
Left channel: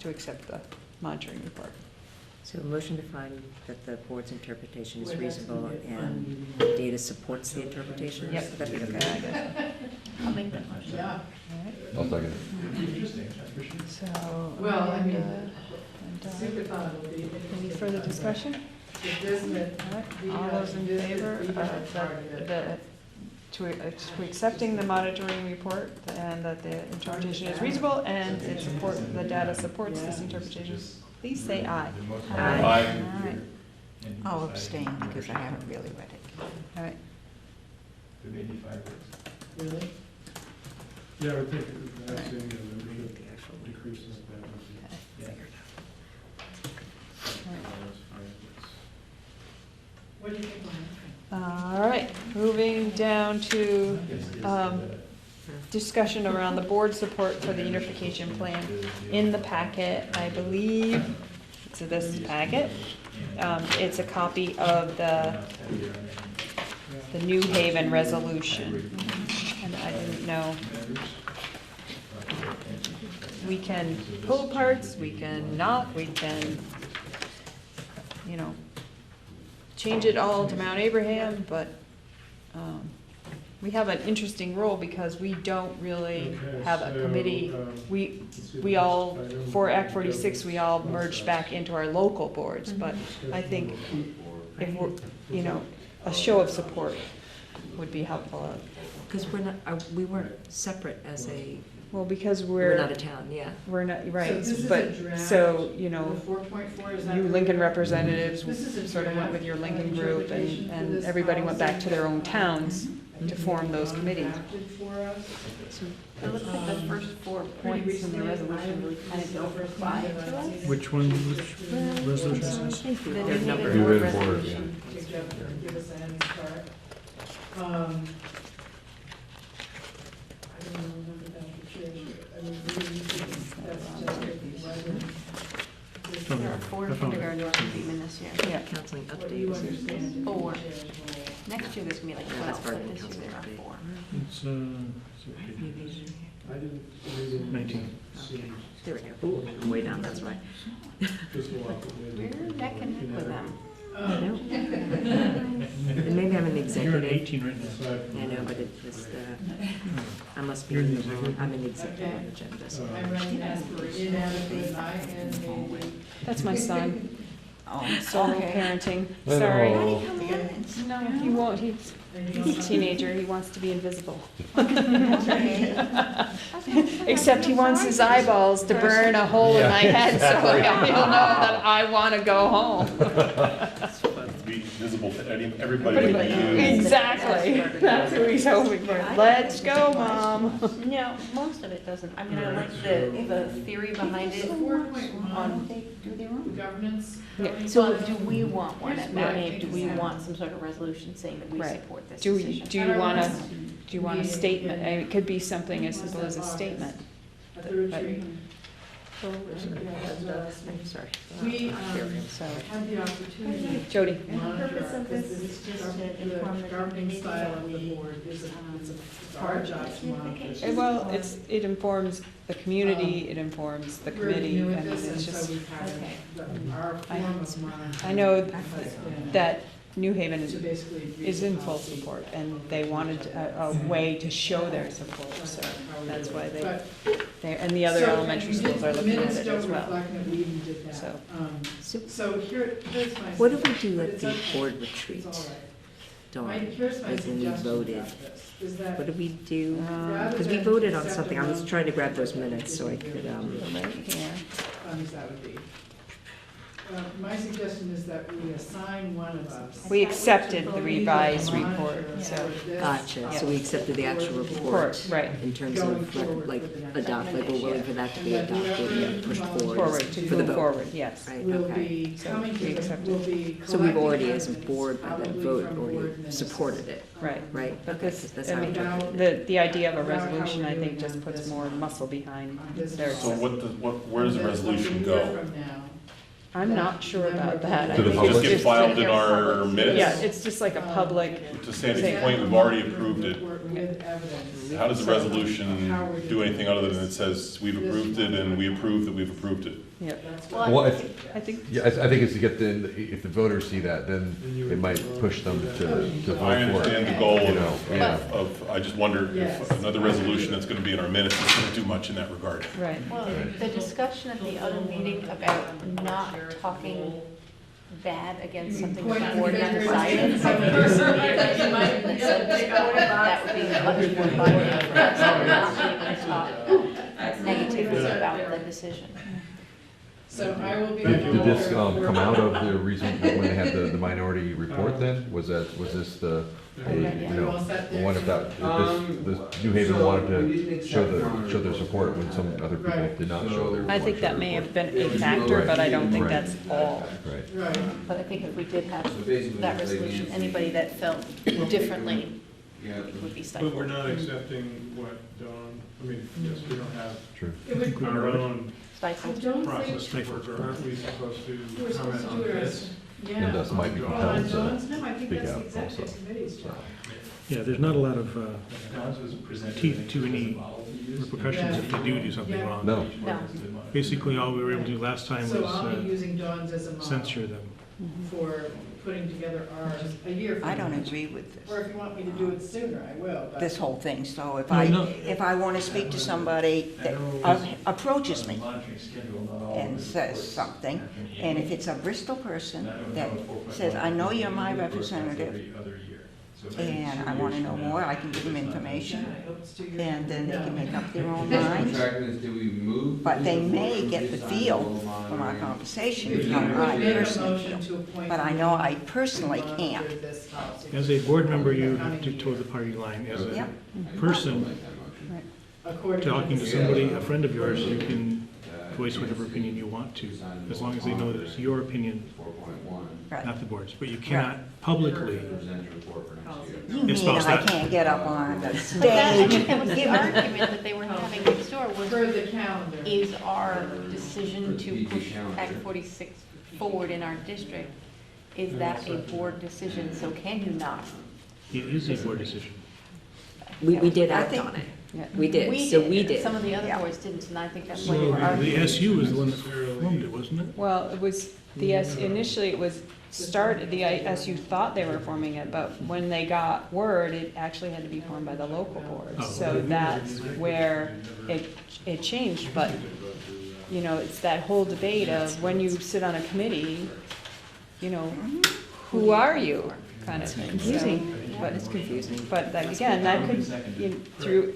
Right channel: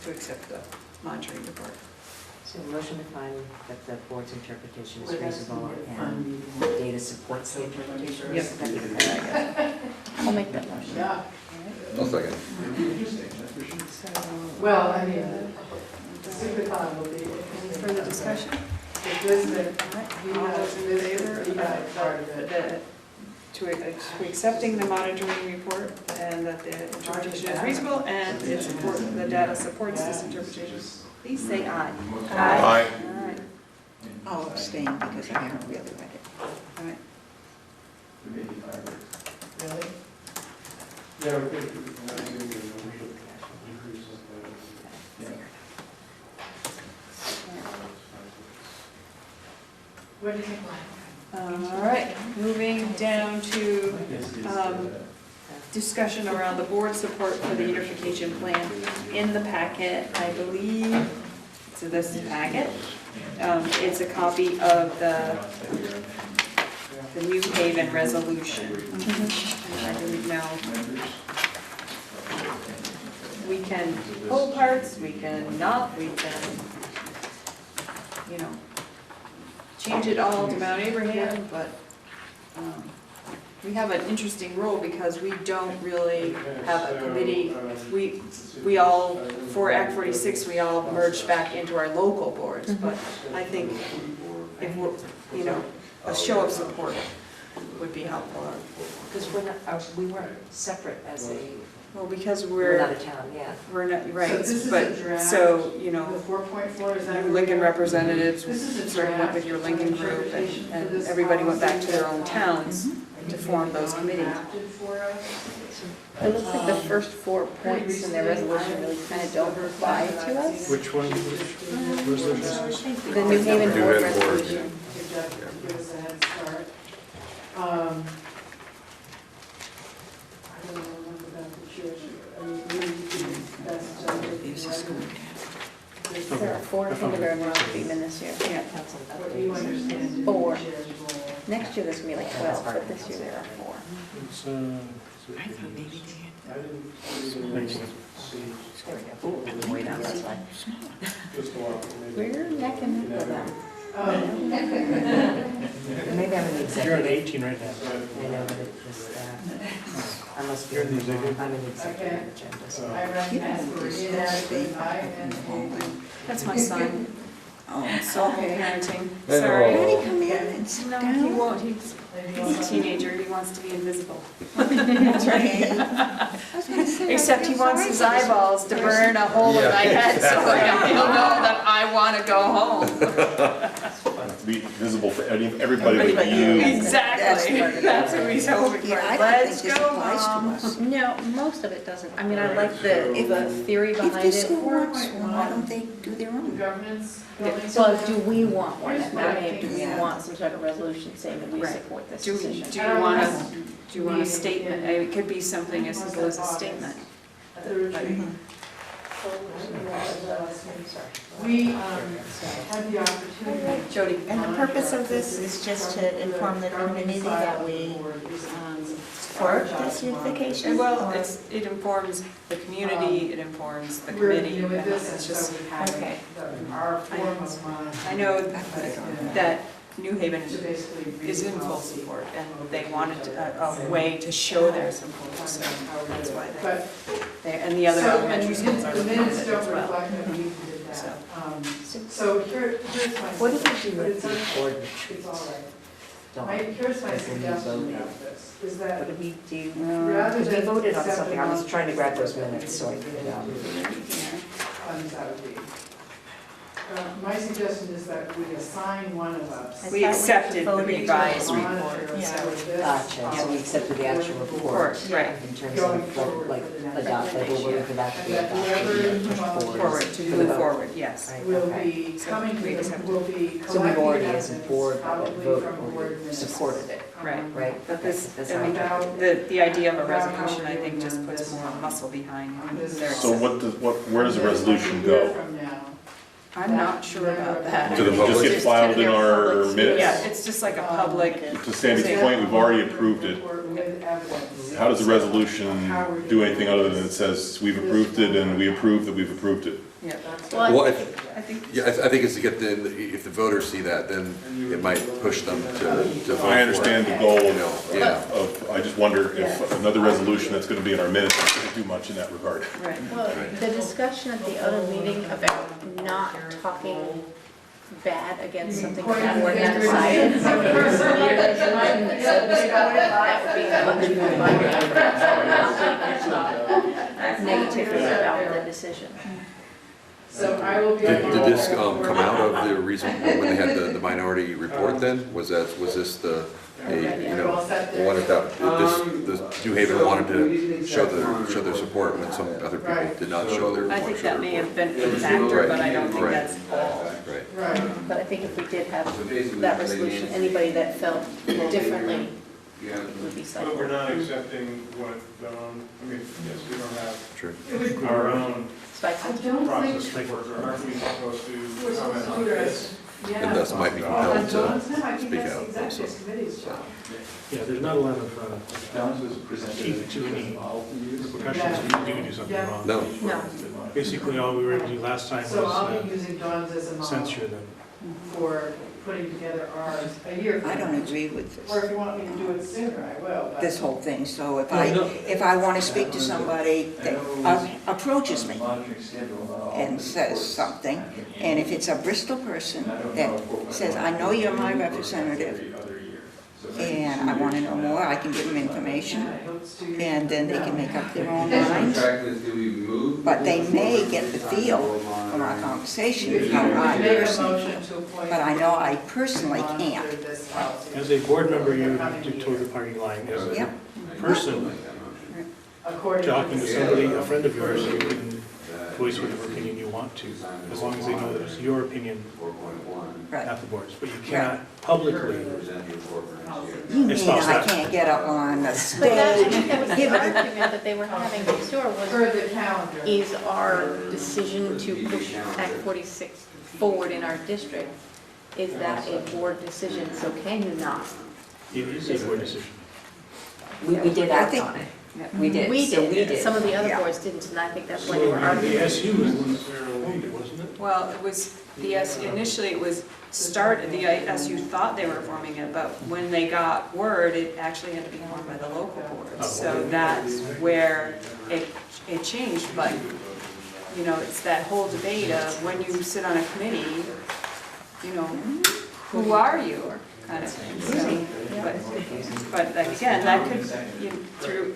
to accept the monitoring report. So the motion to find that the board's interpretation is reasonable and the data supports the interpretation. Yep. That'd be the good, I guess. I'll make that motion. Yeah, I'll second. well, I mean, the secret thought will be. Further discussion? If this, All those in favor of to accepting the monitoring report and that the interpretation is reasonable and the data supports this interpretation, please say aye. Aye. All right, I'll abstain because I haven't really read it. all right. Really? Yeah, we think the membership decreases. What do you think, Ryan? All right, moving down to discussion around the board support for the unification plan. In the packet, I believe, so this packet, it's a copy of the New Haven resolution. I didn't know. We can pull parts, we can not, we can, you know, change it all to Mount Abraham, but we have an interesting role because we don't really have a committee. We all, for Act 46, we all merged back into our local boards, but I think if we're, you know, a show of support would be helpful. Because we're not, we weren't separate as a, Well, because we're not a town, yeah. we're not, So right, this is a but, draft. so, you The know, 4.4, is that? you where Lincoln we are? representatives This is a sort of went draft with your Lincoln group, interpretation for and this everybody went back to their own policy. towns to form those committees. Drafted for us. It looks like the first 4 points in their resolution really kind of don't apply to us. Which one, which resolution is this? The New Haven New Board Haven Board. resolution. Give give us a head start. I don't remember that situation. I mean, that's just. There are 4 kindergartners to be in this year. Yeah. Council What do you updates. understand? 4. Next year there's gonna be like 12, but this year there are 4. It's, There we go. Ooh, way down, that's why. We're neck and neck with them. Maybe I'm in the executive. you're at 18 right now. I know, but it just, I must be, You're in the I'm executive? in the executive agenda, so. I recognize it as INA. That's my son, Oh, solo parenting, I sorry. know. come in and sit No, he down. won't, he's a teenager, he wants to be invisible. That's right. Except he wants his eyeballs to burn a hole in my head, so he'll know that I wanna go home. Be visible for everybody but you. Exactly, that's who he's hoping for. Yeah, I don't Let's think go, this applies to Mom. us. No, most of it doesn't. I mean, I like the theory If behind the it. school wants one, why don't they do their own? Governance. So do we want one at Mount Abe? Do we want some sort of resolution saying that we Right. support this Do decision? you want a statement? I mean, it could be something as simple as a statement. At the retreat. Sorry. We had the opportunity. Jody? And the purpose of this is just to inform the community that we support this unification? Well, it informs the community, it informs the We're committee, new and at this, and it's so just, we have okay. our form of mind. I know that New Haven To basically. is in full support, and they wanted a way to show their support, so that's why But. and the other elementary schools are The looking at minutes it don't as well. reflect that we even did So. that. So here's my. What did we do but at it's the okay. board It's retreat? all right. Dawn? Here's my When we suggestion voted. about this, is What that did we do? rather Because we than. voted on accept something, I was the trying to grab those minutes so I could, funds that would be. My suggestion is that we assign one of us. We accepted the revised report, Monitor so. this, gotcha, so we accepted the actual report Right. in terms Going of forward like for the next adopt, like we're willing for that to And be that adopted. whoever and pushed Forward, to for the move vote. forward, yes. Right. will Okay. be So coming we to, accepted. will be So we've already, collecting as a evidence, board, probably voted, from board or minutes. supported it, Right. right? But this, That's how I took it. About the idea of a about how resolution, we're I think, doing just on puts this more one. muscle behind This their. So where does the resolution a year go? from now. I'm not sure about that. To the public? Just get filed in our minutes? Yeah, it's just like a public, To Sandy's point, we've already approved it. With evidence. How does the resolution do anything other than it says we've approved it and we approve that we've approved it? Yeah. Well, I think, yeah, I think it's to get if the voters see that, then it might push them to vote for it. I understand the goal You know, yeah. of, I just wonder if another resolution that's gonna be in our minutes is gonna do much in that regard. right. Well, the discussion at the other meeting about not talking bad against something that the board has decided. That would be much more violent than talk negatively about the decision. So I will be. Did this come out of the reason when they had the minority report then? Was this the, one of that, this New Haven wanted to show their support when some other people did not show their. I think that may have been a factor, but I don't think Right. that's all. Right. Right. But I think if we did have that resolution, anybody that felt differently, it would be cited. But we're not accepting what, I mean, yes, we don't have True. our own Stipend. process framework, or aren't we supposed to comment on this? And thus might be compelled to speak out also. Executive committee's job. Yeah, there's not a lot of teeth to any repercussions if you do something wrong. No. No. Basically, all we were able to do last time So I'll be was using Dawn's as a model censure them. for putting together ours a year from I now. don't agree with Or if this, you want me to do it sooner, I will. but- this whole thing, so if Oh, no. if I want to speak to somebody that approaches me and says something, and if it's a Bristol person that says, I know you're my representative, and I want to know more, I can give them information, and then they can make up their own minds. But they may get the feel from our conversation, but I know I personally can't. As a board member, you toe the party line. As a Yep. person, talking to somebody, a friend of yours, you can voice whatever opinion you want to, as long as they know that it's your opinion, Right. not the board's. But you cannot publicly You mean espouse I that. can't get up on the But that, I stage think that was the and give argument it? that they were having next door For was, the calendar. is our decision to push Act 46 forward in our district, is that a board decision, so can you not? It is a board decision. We did I act think- on it. We did, We so we did, did. some of the other Yeah. boards didn't, and I think that's So why they were the arguing. SU is the one that formed it, wasn't it? Well, it was, initially it was started, the ISU thought they were forming it, but when they got word, it actually had to be formed by the local boards. So that's where it changed, but, you know, it's that whole debate of when you sit on a committee, you know, who are you, kind of thing. But like, again, that could, through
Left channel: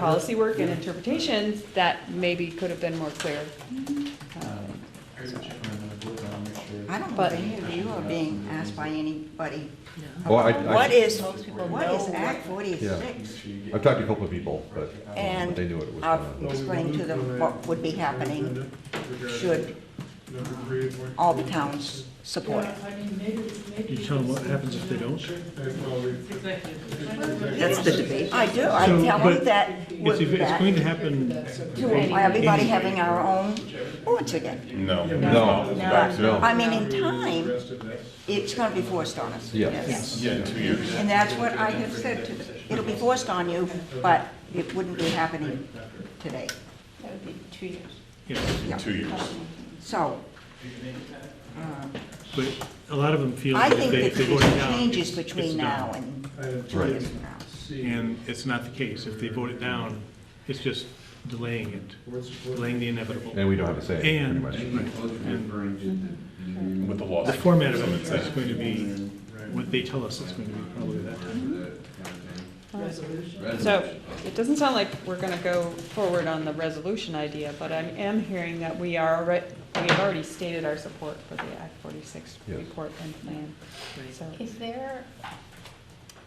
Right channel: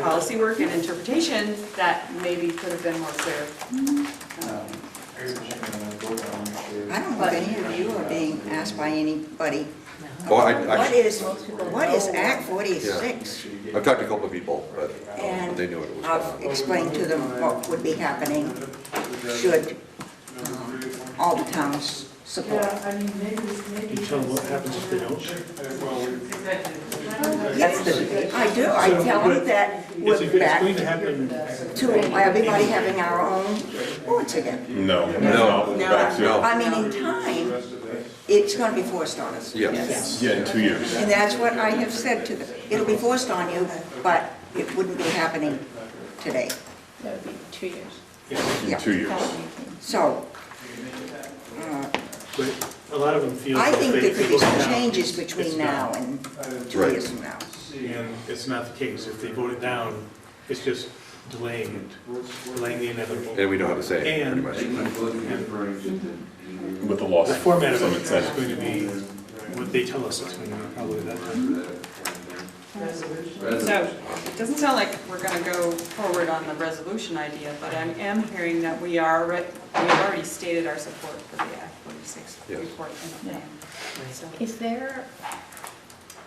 policy work and interpretation, that maybe could have been more clear. I don't know if any of you are being asked by anybody, Oh, what is Act 46? I've talked to a couple of people, but And they knew what it was. I've explained to them what would be happening should all the towns support. Yeah, I mean, maybe, You tell them what happens if they don't? That's the debate. I do, I So, tell but them that It's we're back going to happen. to everybody having our own boards again. No. No. I mean, in time, it's gonna be forced on us. Yes. Yeah, in 2 years. And that's what I have said to them. It'll be forced on you, but it wouldn't be happening today. That would be 2 years. Yeah. In 2 years. So, But a lot of them feel I that think they there could be vote it some down. changes between It's now done. and 2 Right. years from now. And it's not the case. If they vote it down, it's just delaying it, delaying the inevitable. And we know how to say it, And pretty much. With the loss. the format of it is going to be what they tell us it's going to be probably at that time. So, it doesn't sound like we're gonna go forward on the resolution idea, but I am hearing that we already stated our support for the Act 46 Yes. report and plan. So, Is there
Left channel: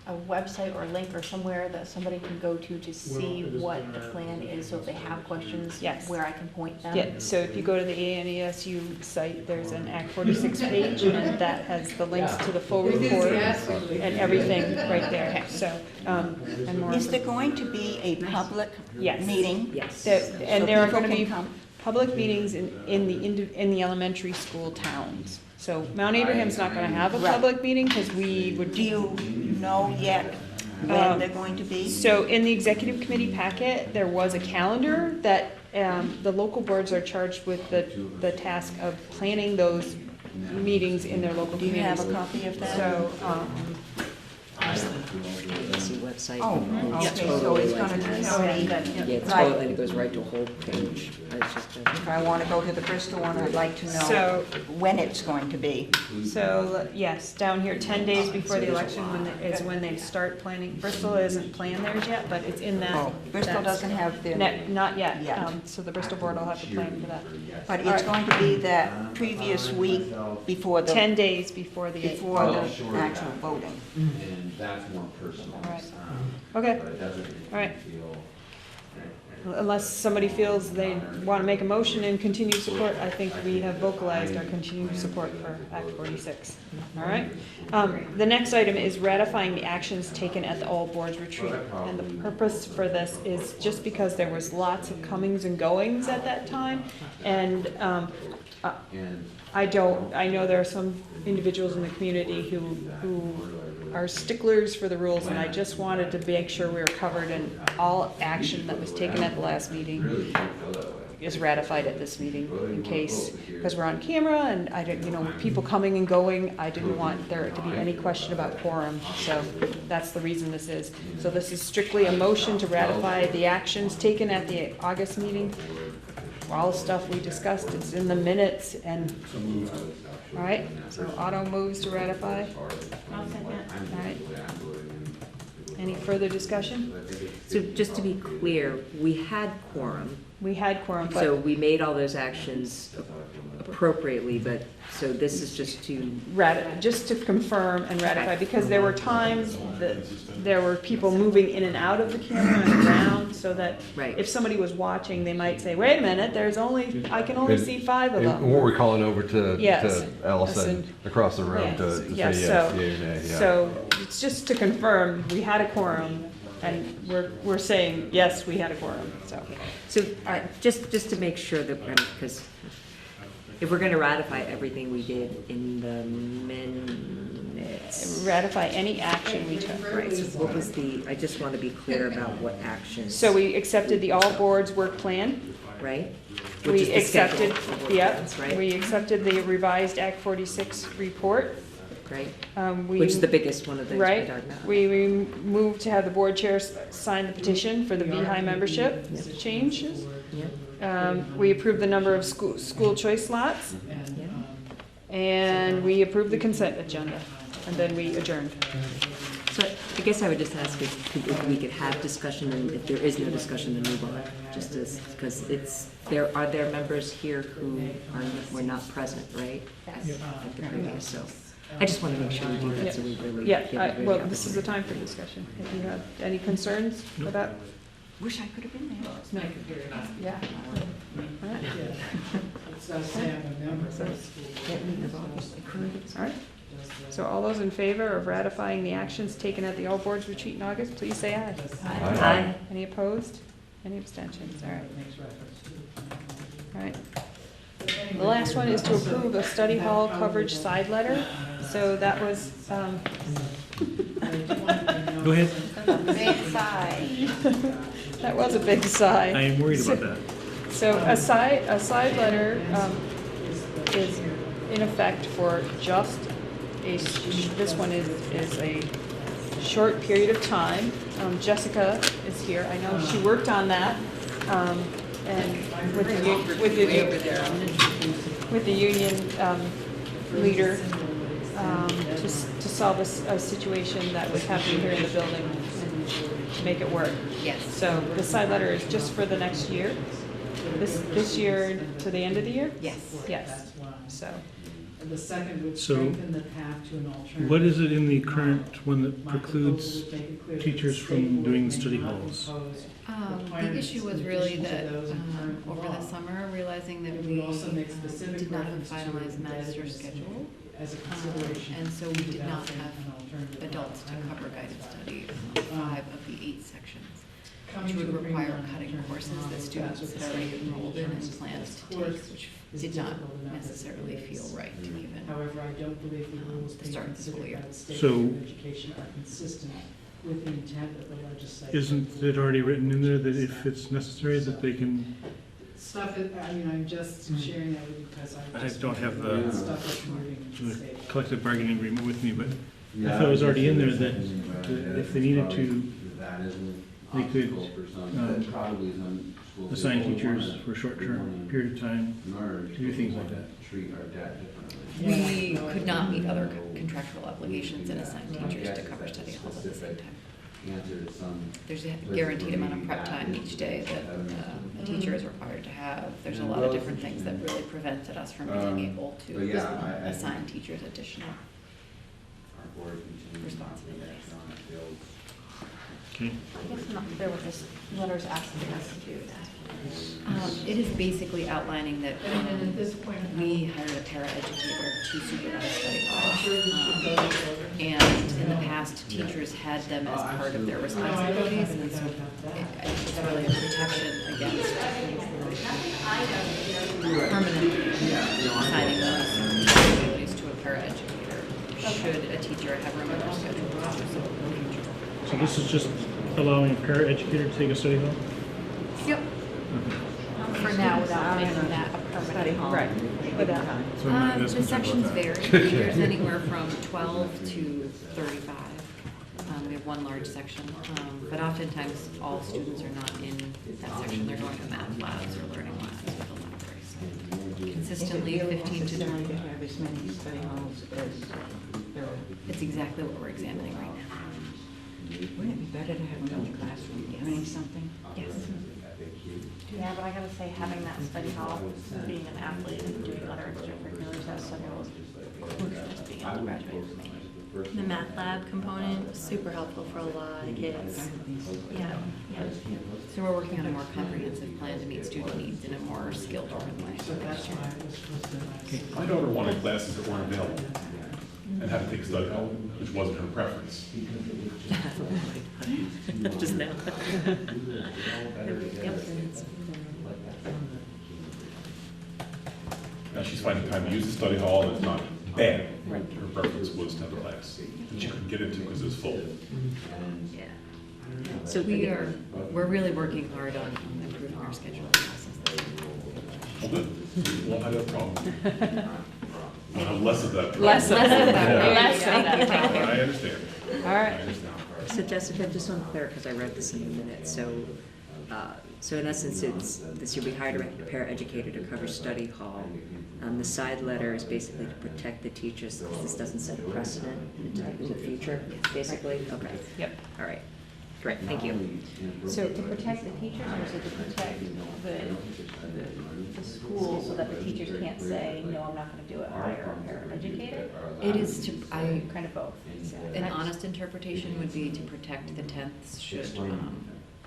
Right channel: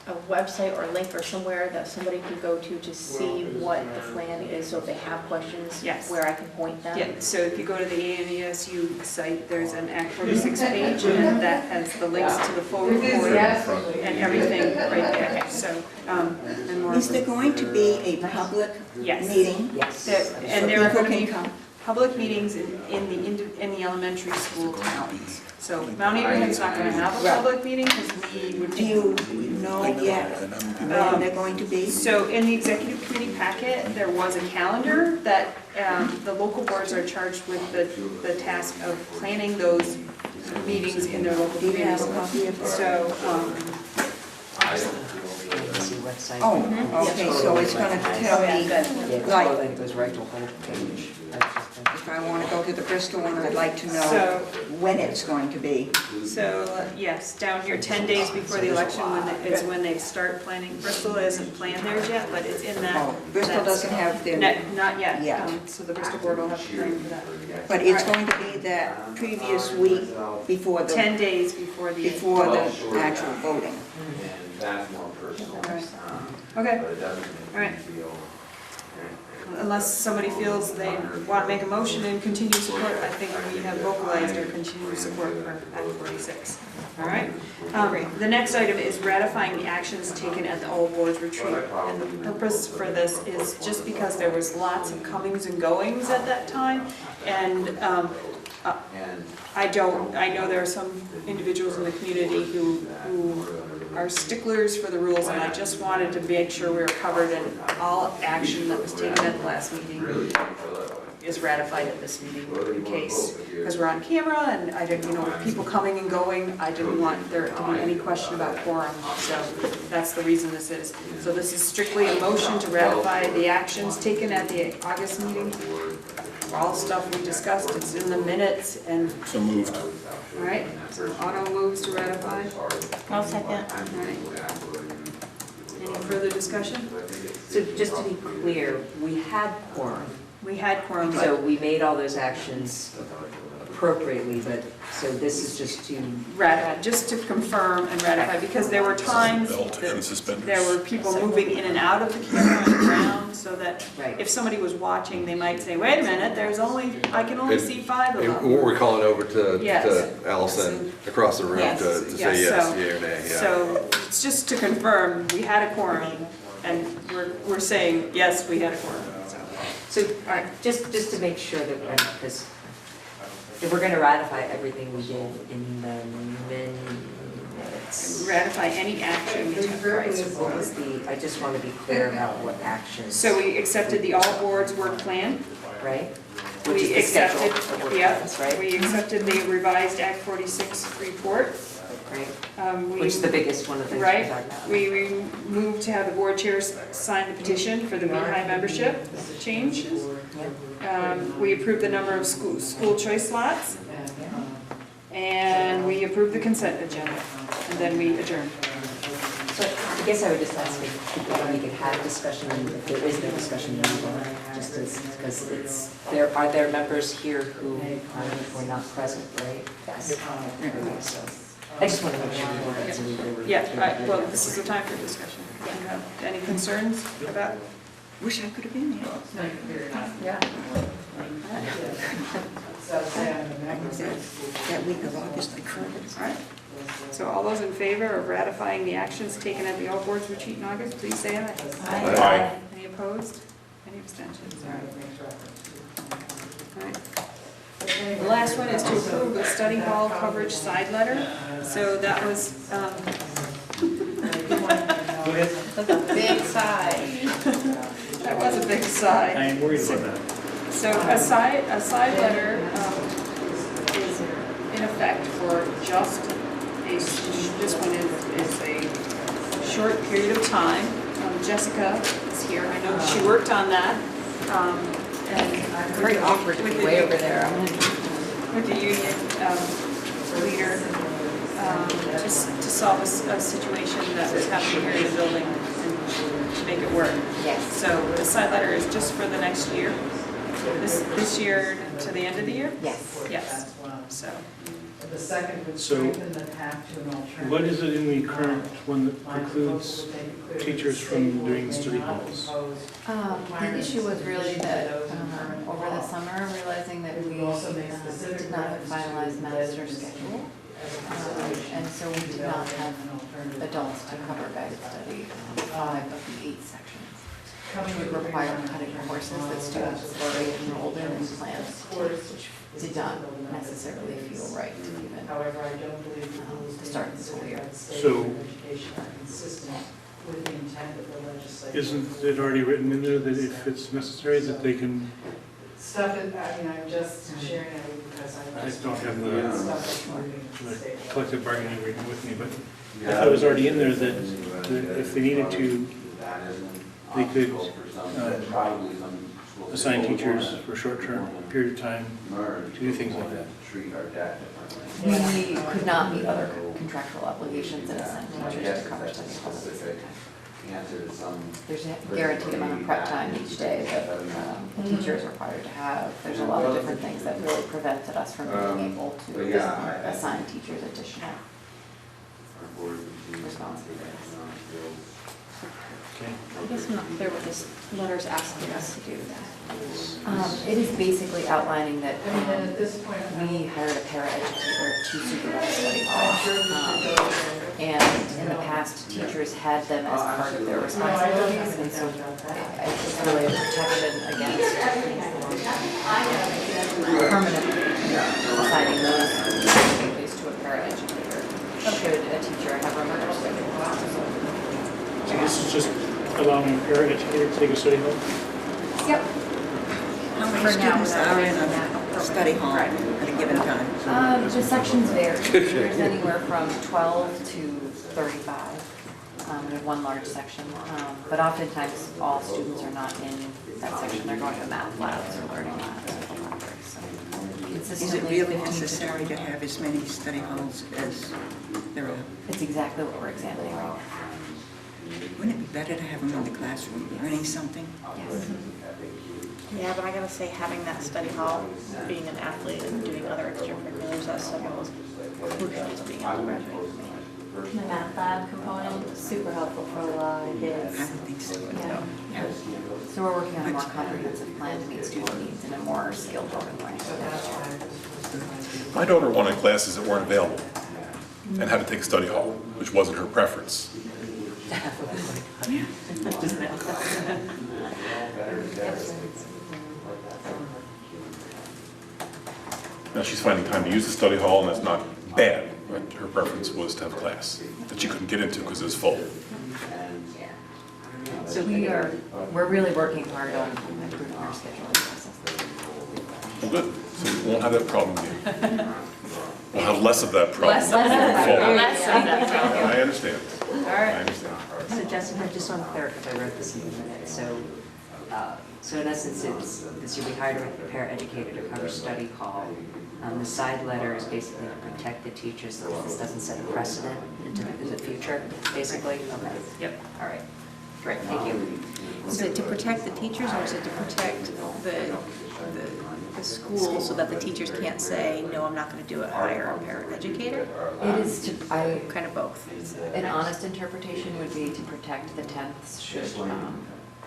a website or a link or somewhere that somebody can go to see what the plan is, so if they have questions, Yes. where I can point them? yeah, so if you go to the ANESU site, there's an Act 46 page, and that has the links to the full report and everything right there. So, and we're- Is there going to be a public Yes. meeting? Yes. And there are people gonna can be come? public meetings in the elementary school towns. So Mount Abraham's not gonna have a public meeting, because we would Do you know yet when they're going to be? So in the executive committee packet, there was a calendar that the local boards are charged with the task of planning those meetings in their local Do you have communities. a copy of that? So, See website. Oh, okay, so it's gonna tell me, Yeah, it's like, all like goes right to whole page. if I wanna go to the Bristol one, I'd like to know So- when it's going to be. yes, down here, 10 days before the election is when they start planning. Bristol isn't planned theirs yet, but it's in that. Oh, Bristol doesn't have their, Not yet. Yet. So the Bristol board will have to plan for that. but it's going to be that previous week before 10 days before the. before the actual voting. And that's more personal. Okay, But it doesn't all right. make me feel. Unless somebody feels they want to make a motion and continue support, I think we have vocalized our continued support for Act 46. All right? The next item is ratifying the actions taken at the all boards retreat. And the purpose for this is just because there was lots of comings and goings at that time. And I know there are some individuals in the community who are sticklers for the rules, and I just wanted to make sure we were covered in all action that was taken at the last meeting is ratified at this meeting in case, because we're on camera and I didn't, people coming and going, I didn't want there to be any question about quorum, so that's the reason this is. So this is strictly a motion to ratify the actions taken at the August meeting. All stuff we discussed, it's in the minutes, and, So moved. all right, so Otto moves to ratify. I'll second. All right. Any further discussion? So just to be clear, we had quorum, We had quorum, so but we made all those actions appropriately, but, so this is just to, just to confirm and ratify, because there were times that there were people moving in and out of the camera and around, so that right. if somebody was watching, they might say, wait a minute, I can only see 5 of And them. we're calling over to Yes. Allison across the room Yes. to say Yes, yes, so- yea or nay, yeah. So it's just to confirm, we had a quorum, and we're saying, yes, we had a quorum, so. So, all right, just to make sure that, because if we're gonna ratify everything we did in the minutes, Ratify any action we took, right? what was I just want to be clear about what actions. So we accepted the all boards work plan. Right? Which is We the schedule accepted, of work yeah, plans, right? we accepted the revised Act 46 report. Right? We- Which is the biggest one of the things we're Right, talking about. we moved to have the board chairs sign the petition for the Beehive membership changes. We approved the number of school choice slots, and we approved the consent agenda, and then we adjourned. So I guess I would just ask if we could have discussion, and if there is no discussion, then we will, just as, because are there members here who were not present, right? Yes. So I just want to make sure we Yeah, well, this is the time for discussion. Do you have any concerns about? Wish I could have been there. Yeah. That week of August, I couldn't. All right. So all those in favor of ratifying the actions taken at the all boards retreat in August, please say aye. Aye. Any opposed? Any abstentions? All right. All right. The last one is to approve a study hall coverage side letter. So that was, Go ahead. Big sigh. that was a big sigh. I am worried about that. So a side letter is in effect for just this one is a short period of time. Jessica is here, I know she worked on that. And I'm very awkward with the, way over there. with the union leader to solve a situation that was happening here in the building and make it work. Yes. So the side letter is just for the next year, this year to the end of the year? Yes. Yes, so. The second would So, strengthen the path to an alternative. What is it in the current one that precludes teachers from doing study halls? The issue was really that over the summer, realizing that we did not have finalized master schedule. And so we did not have adults to cover guided study on 5 of the 8 sections, which would require cutting courses that students had already enrolled in and planned to take, which did not necessarily feel right given However, I don't believe the rules the start of the school year. So- Education are consistent with the intent of the legislature. Isn't it already written in there that if it's necessary that they can, Stuff is, I mean, I'm just sharing it because I I just. don't have the- Stuff that's moving from the the state. collective bargaining agreement with me, but I thought it was already in there that if they needed to, they could assign teachers for a short-term period of time to do things like that. We could not meet other contractual obligations and assign teachers to cover study halls at the same time. There's a guaranteed amount of prep time each day that the teacher is required to have. There's a lot of different things that really prevented us from being able to assign teachers additional responsibilities. Okay. I guess not, there were just letters asking us to do that. It is basically outlining that And then at this point, we hired a paraeducator to supervise study hall. And in the past, teachers had them as part of their responsibilities, and so it's really a protection against permanently assigning those responsibilities to a paraeducator. Should a teacher have remote study? So this is just allowing a paraeducator to take a study hall? Yep. How many For now, students without are in making that a a permanent. study hall Right. at a given time? The sections vary. There's anywhere from 12 to 35. We have one large section, but oftentimes all students are not in that section. They're going to math labs or learning labs or the library. So Is it consistently really 15 to necessary to 20. have as many study halls as there are? It's exactly what we're examining right now. Wouldn't it be better to have them in the classroom learning something? Yes. Yeah, but I gotta say, having that study hall, being an athlete and doing other extracurriculars, that study hall was crucial to being able to graduate for me. The math lab component was super helpful for a lot of kids. I would think so. Yeah. So we're working on a more comprehensive plan to meet student needs in a more skill-driven way. My daughter wanted classes that weren't available and had to take a study hall, which wasn't her preference. Just now. Now, she's finding time to use the study hall, and it's not bad. Right? Her preference was to have a class that she couldn't get into because it was full. So we're really working hard on improving our scheduling process. Well, good. So we won't have that problem here. We'll have less of that problem. Less of that. I understand. All I right. understand. So Jessica, just on clear, because I wrote this in the minutes, so in essence, it's, this year we hired a paraeducator to cover study hall. The side letter is basically to protect the teachers, so this doesn't set a precedent into the future, basically? Okay. Yep. All right, great, thank you. Is it to protect the teachers, or is it to protect the school so that the teachers can't say, no, I'm not gonna do it, hire a paraeducator? It is to, Kind of both. an honest interpretation would be to protect the tenths should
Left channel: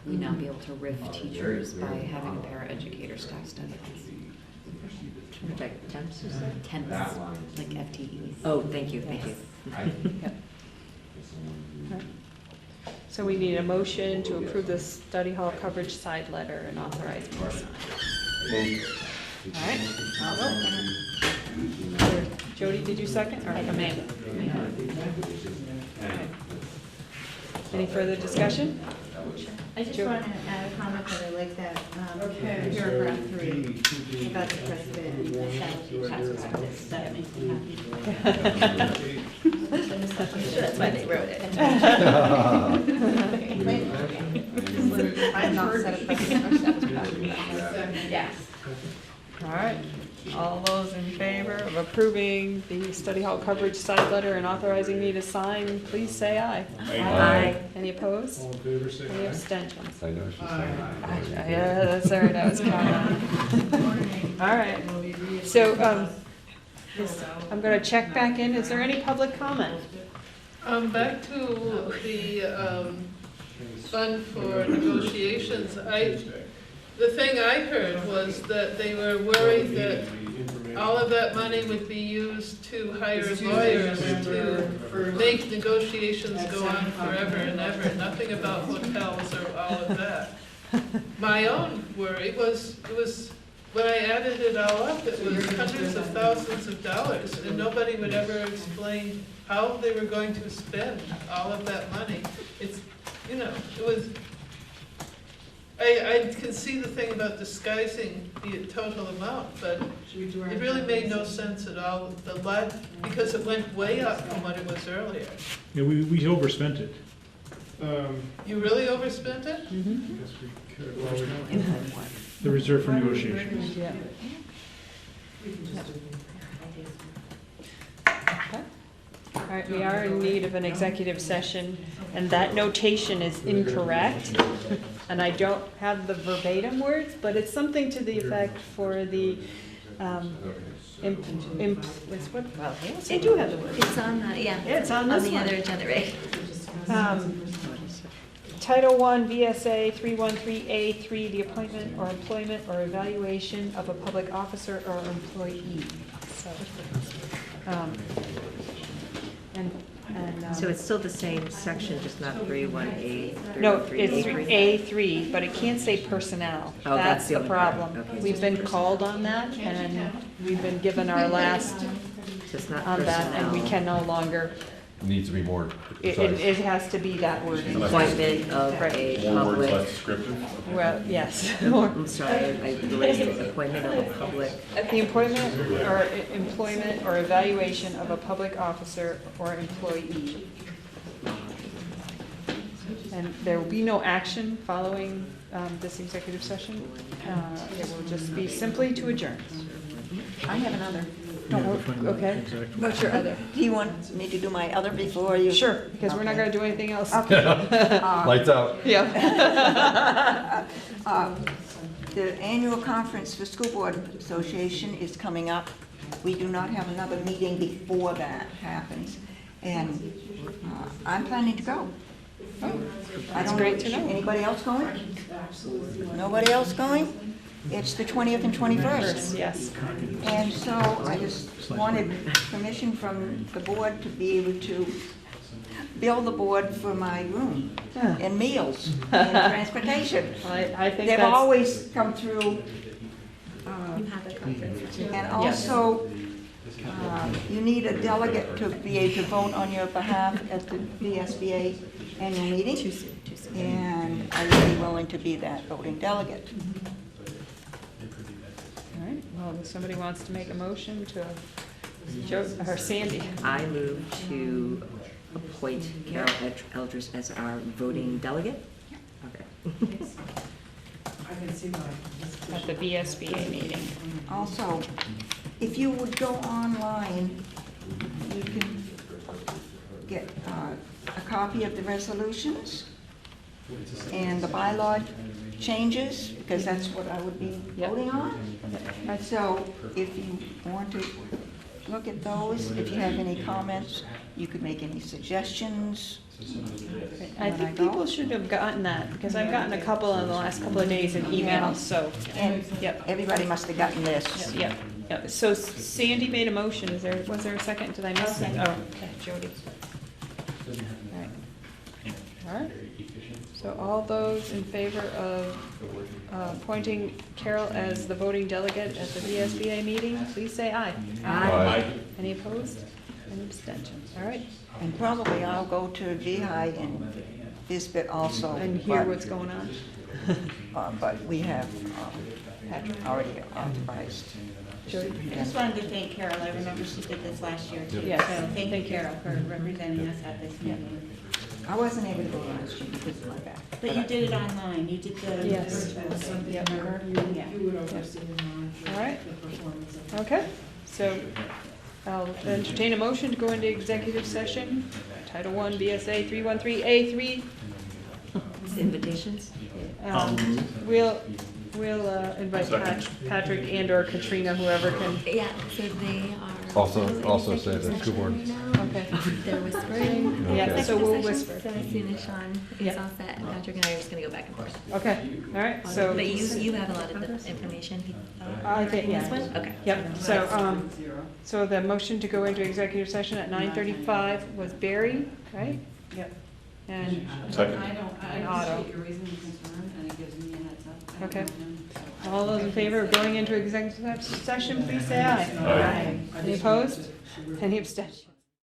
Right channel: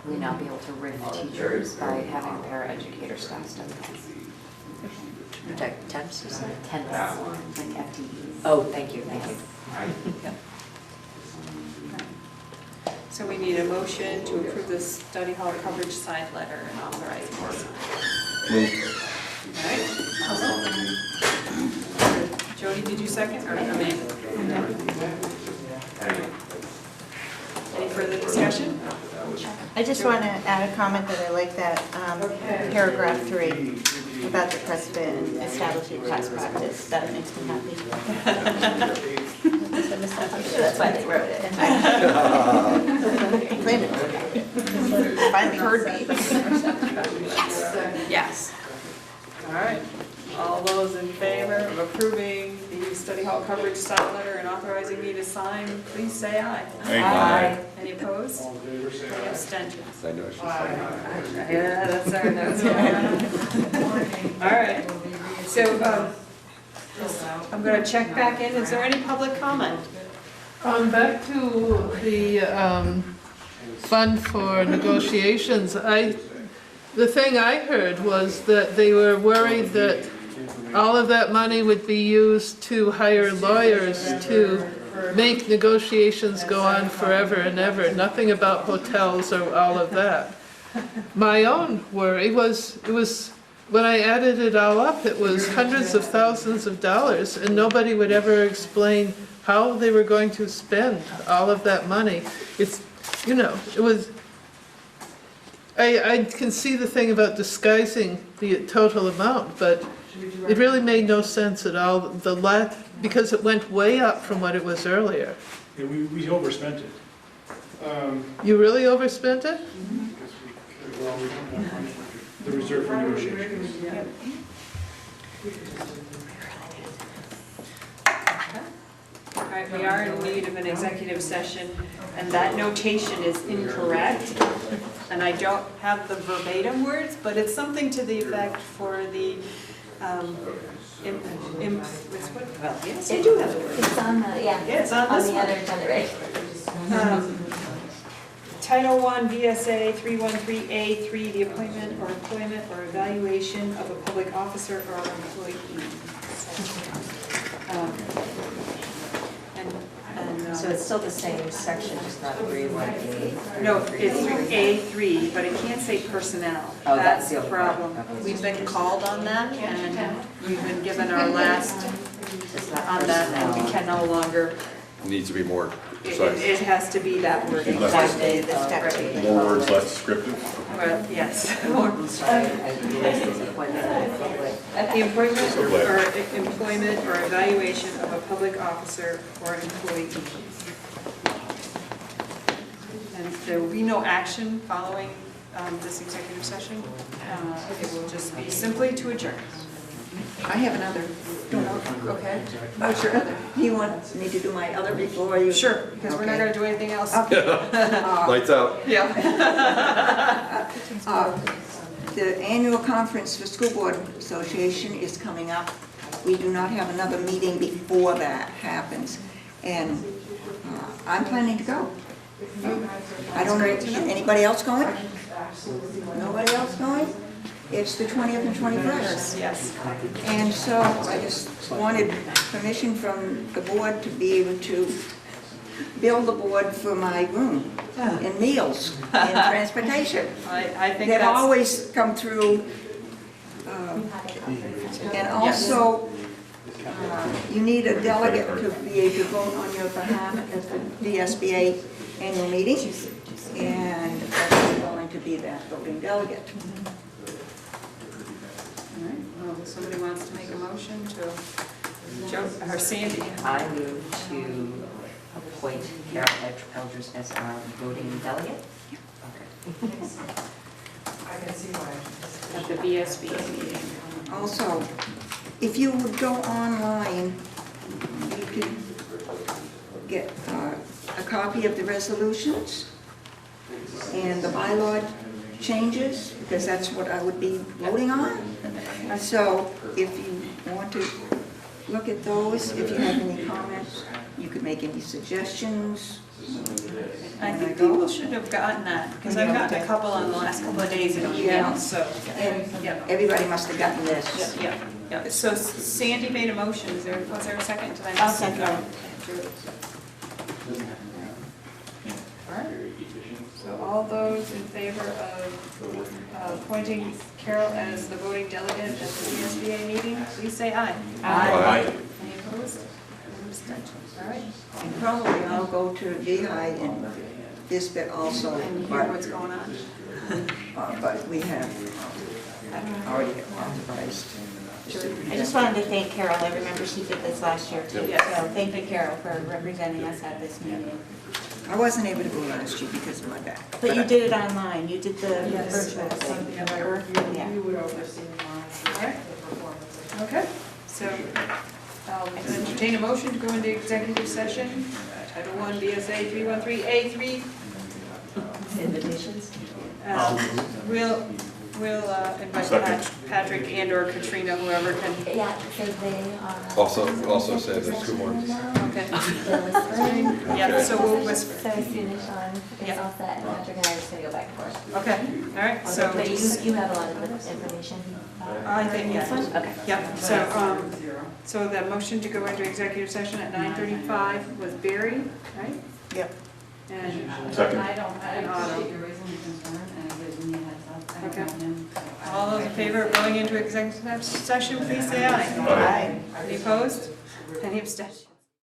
we not be able to riff teachers by having a paraeducator staff study halls. To protect temps, you said? Tenths, like FTEs. Oh, thank you, thank you. So we need a motion to approve the study hall coverage side letter and authorize me to sign. All right. Jody, did you second, or Amanda? Any further discussion? I just want to add a comment that I like that paragraph 3 about the president establishing past practice. That makes me happy. I'm sure that's why they wrote it. Finally heard me. Yes. All right. All those in favor of approving the study hall coverage side letter and authorizing me to sign, please say aye. Aye. Any opposed? Any abstentions? I know she's Yeah, that's our notes. All right. So, I'm gonna check back in. Is there any public comment? Back to the fund for negotiations, the thing I heard was that they were worried that all of that money would be used to hire lawyers to make negotiations go on forever and ever, nothing about hotels or all of that. My own worry was, it was when I added it all up, it was hundreds of thousands of dollars, and nobody would ever explain how they were going to spend all of that money. It's, you know, it was, I can see the thing about disguising the total amount, but it really made no sense at all, because it went way up from what it was earlier. Yeah, we overspent it. You really overspent it? The reserve for negotiations. All right, we are in need of an executive session, and that notation is incorrect. And I don't have the verbatim words, but it's something to the effect for the, well, yes, I do have the words. It's on the, yeah. Yeah, it's on this the one. other agenda, right? Title I, VSA 313A3, the appointment or employment or evaluation of a public officer or employee. So it's still the same section, just not 318A? No, it's A3, but it can't say personnel. Oh, That's that's the the other problem. part. Okay. We've been called on that, and we've been given our last It's not on that, and we can no longer, Needs to be more it precise. has to be that word. Less Appointment of a More words, public- less descriptive. Well, yes. I'm sorry, I erased this appointment of a public. The appointment or employment or evaluation of a public officer or employee. And there will be no action following this executive session. It will just be simply to adjourn. I have another. Okay, what's your other? Do you want me to do my other before you? Sure, because we're not gonna do anything else. Lights out. Yeah. The annual conference for School Board Association is coming up. We do not have another meeting before that happens, and I'm planning to go. I don't know, anybody else going? Nobody else going? It's the 20th and 21st. Yes. And so I just wanted permission from the board to be able to bill the board for my room and meals and transportation. I think They've that's, always come through, and also, you need a delegate to be able to vote on your behalf at the VSBA annual meeting, and I'm willing to be that voting delegate. all right, well, somebody wants to make a motion to, Joe, or Sandy? I move to appoint Carol Eldridge as our voting delegate. At the VSBA meeting. Also, if you would go online, you could get a copy of the resolutions and the bylaw changes, because that's what I would be voting on. So if you want to look at those, if you have any comments, you could make any suggestions. I think people should have gotten that, because I've gotten a couple in the last couple of days in emails, so. And Yeah. everybody must have gotten this. Yeah, yeah. So Sandy made a motion, was there a second? Did I miss? I'll second. Oh, Jody. All right. So all those in favor of appointing Carol as the voting delegate at the VSBA meeting, please say aye. Aye. Any opposed? Any abstentions? All right. And probably I'll go to VI and Bisbit also. And hear what's going on. But we have already authorized. I just wanted to thank Carol. I remember she did this last year too. Yes. So thank you, Carol, for representing us at this meeting. I wasn't able to go last year because of my back. But you did it online. You did the Yes. virtual. Yeah. Yeah. You would oversee and monitor All right. the performance of. Okay, so I'll entertain a motion to go into executive session. Title I, VSA 313A3. Invitations? We'll invite Patrick and or Katrina, whoever can. Yeah, so they are. Also say the school board. Okay. They're whispering. Yeah, so we'll So whisper. as soon as Sean is Yeah. all set, Patrick and I are just gonna go back and forth. Okay, all right, so. But you have a lot of the information. I think, This one? yeah. Okay. Yeah, so the motion to go into executive session at 9:35 was Barry, right? Yep. And Second. and Autumn. You're raising a concern and it gives me a heads up. I Okay. don't know, so I- All those in favor of going into executive session, please say aye. Aye. Any opposed? Any abstentions?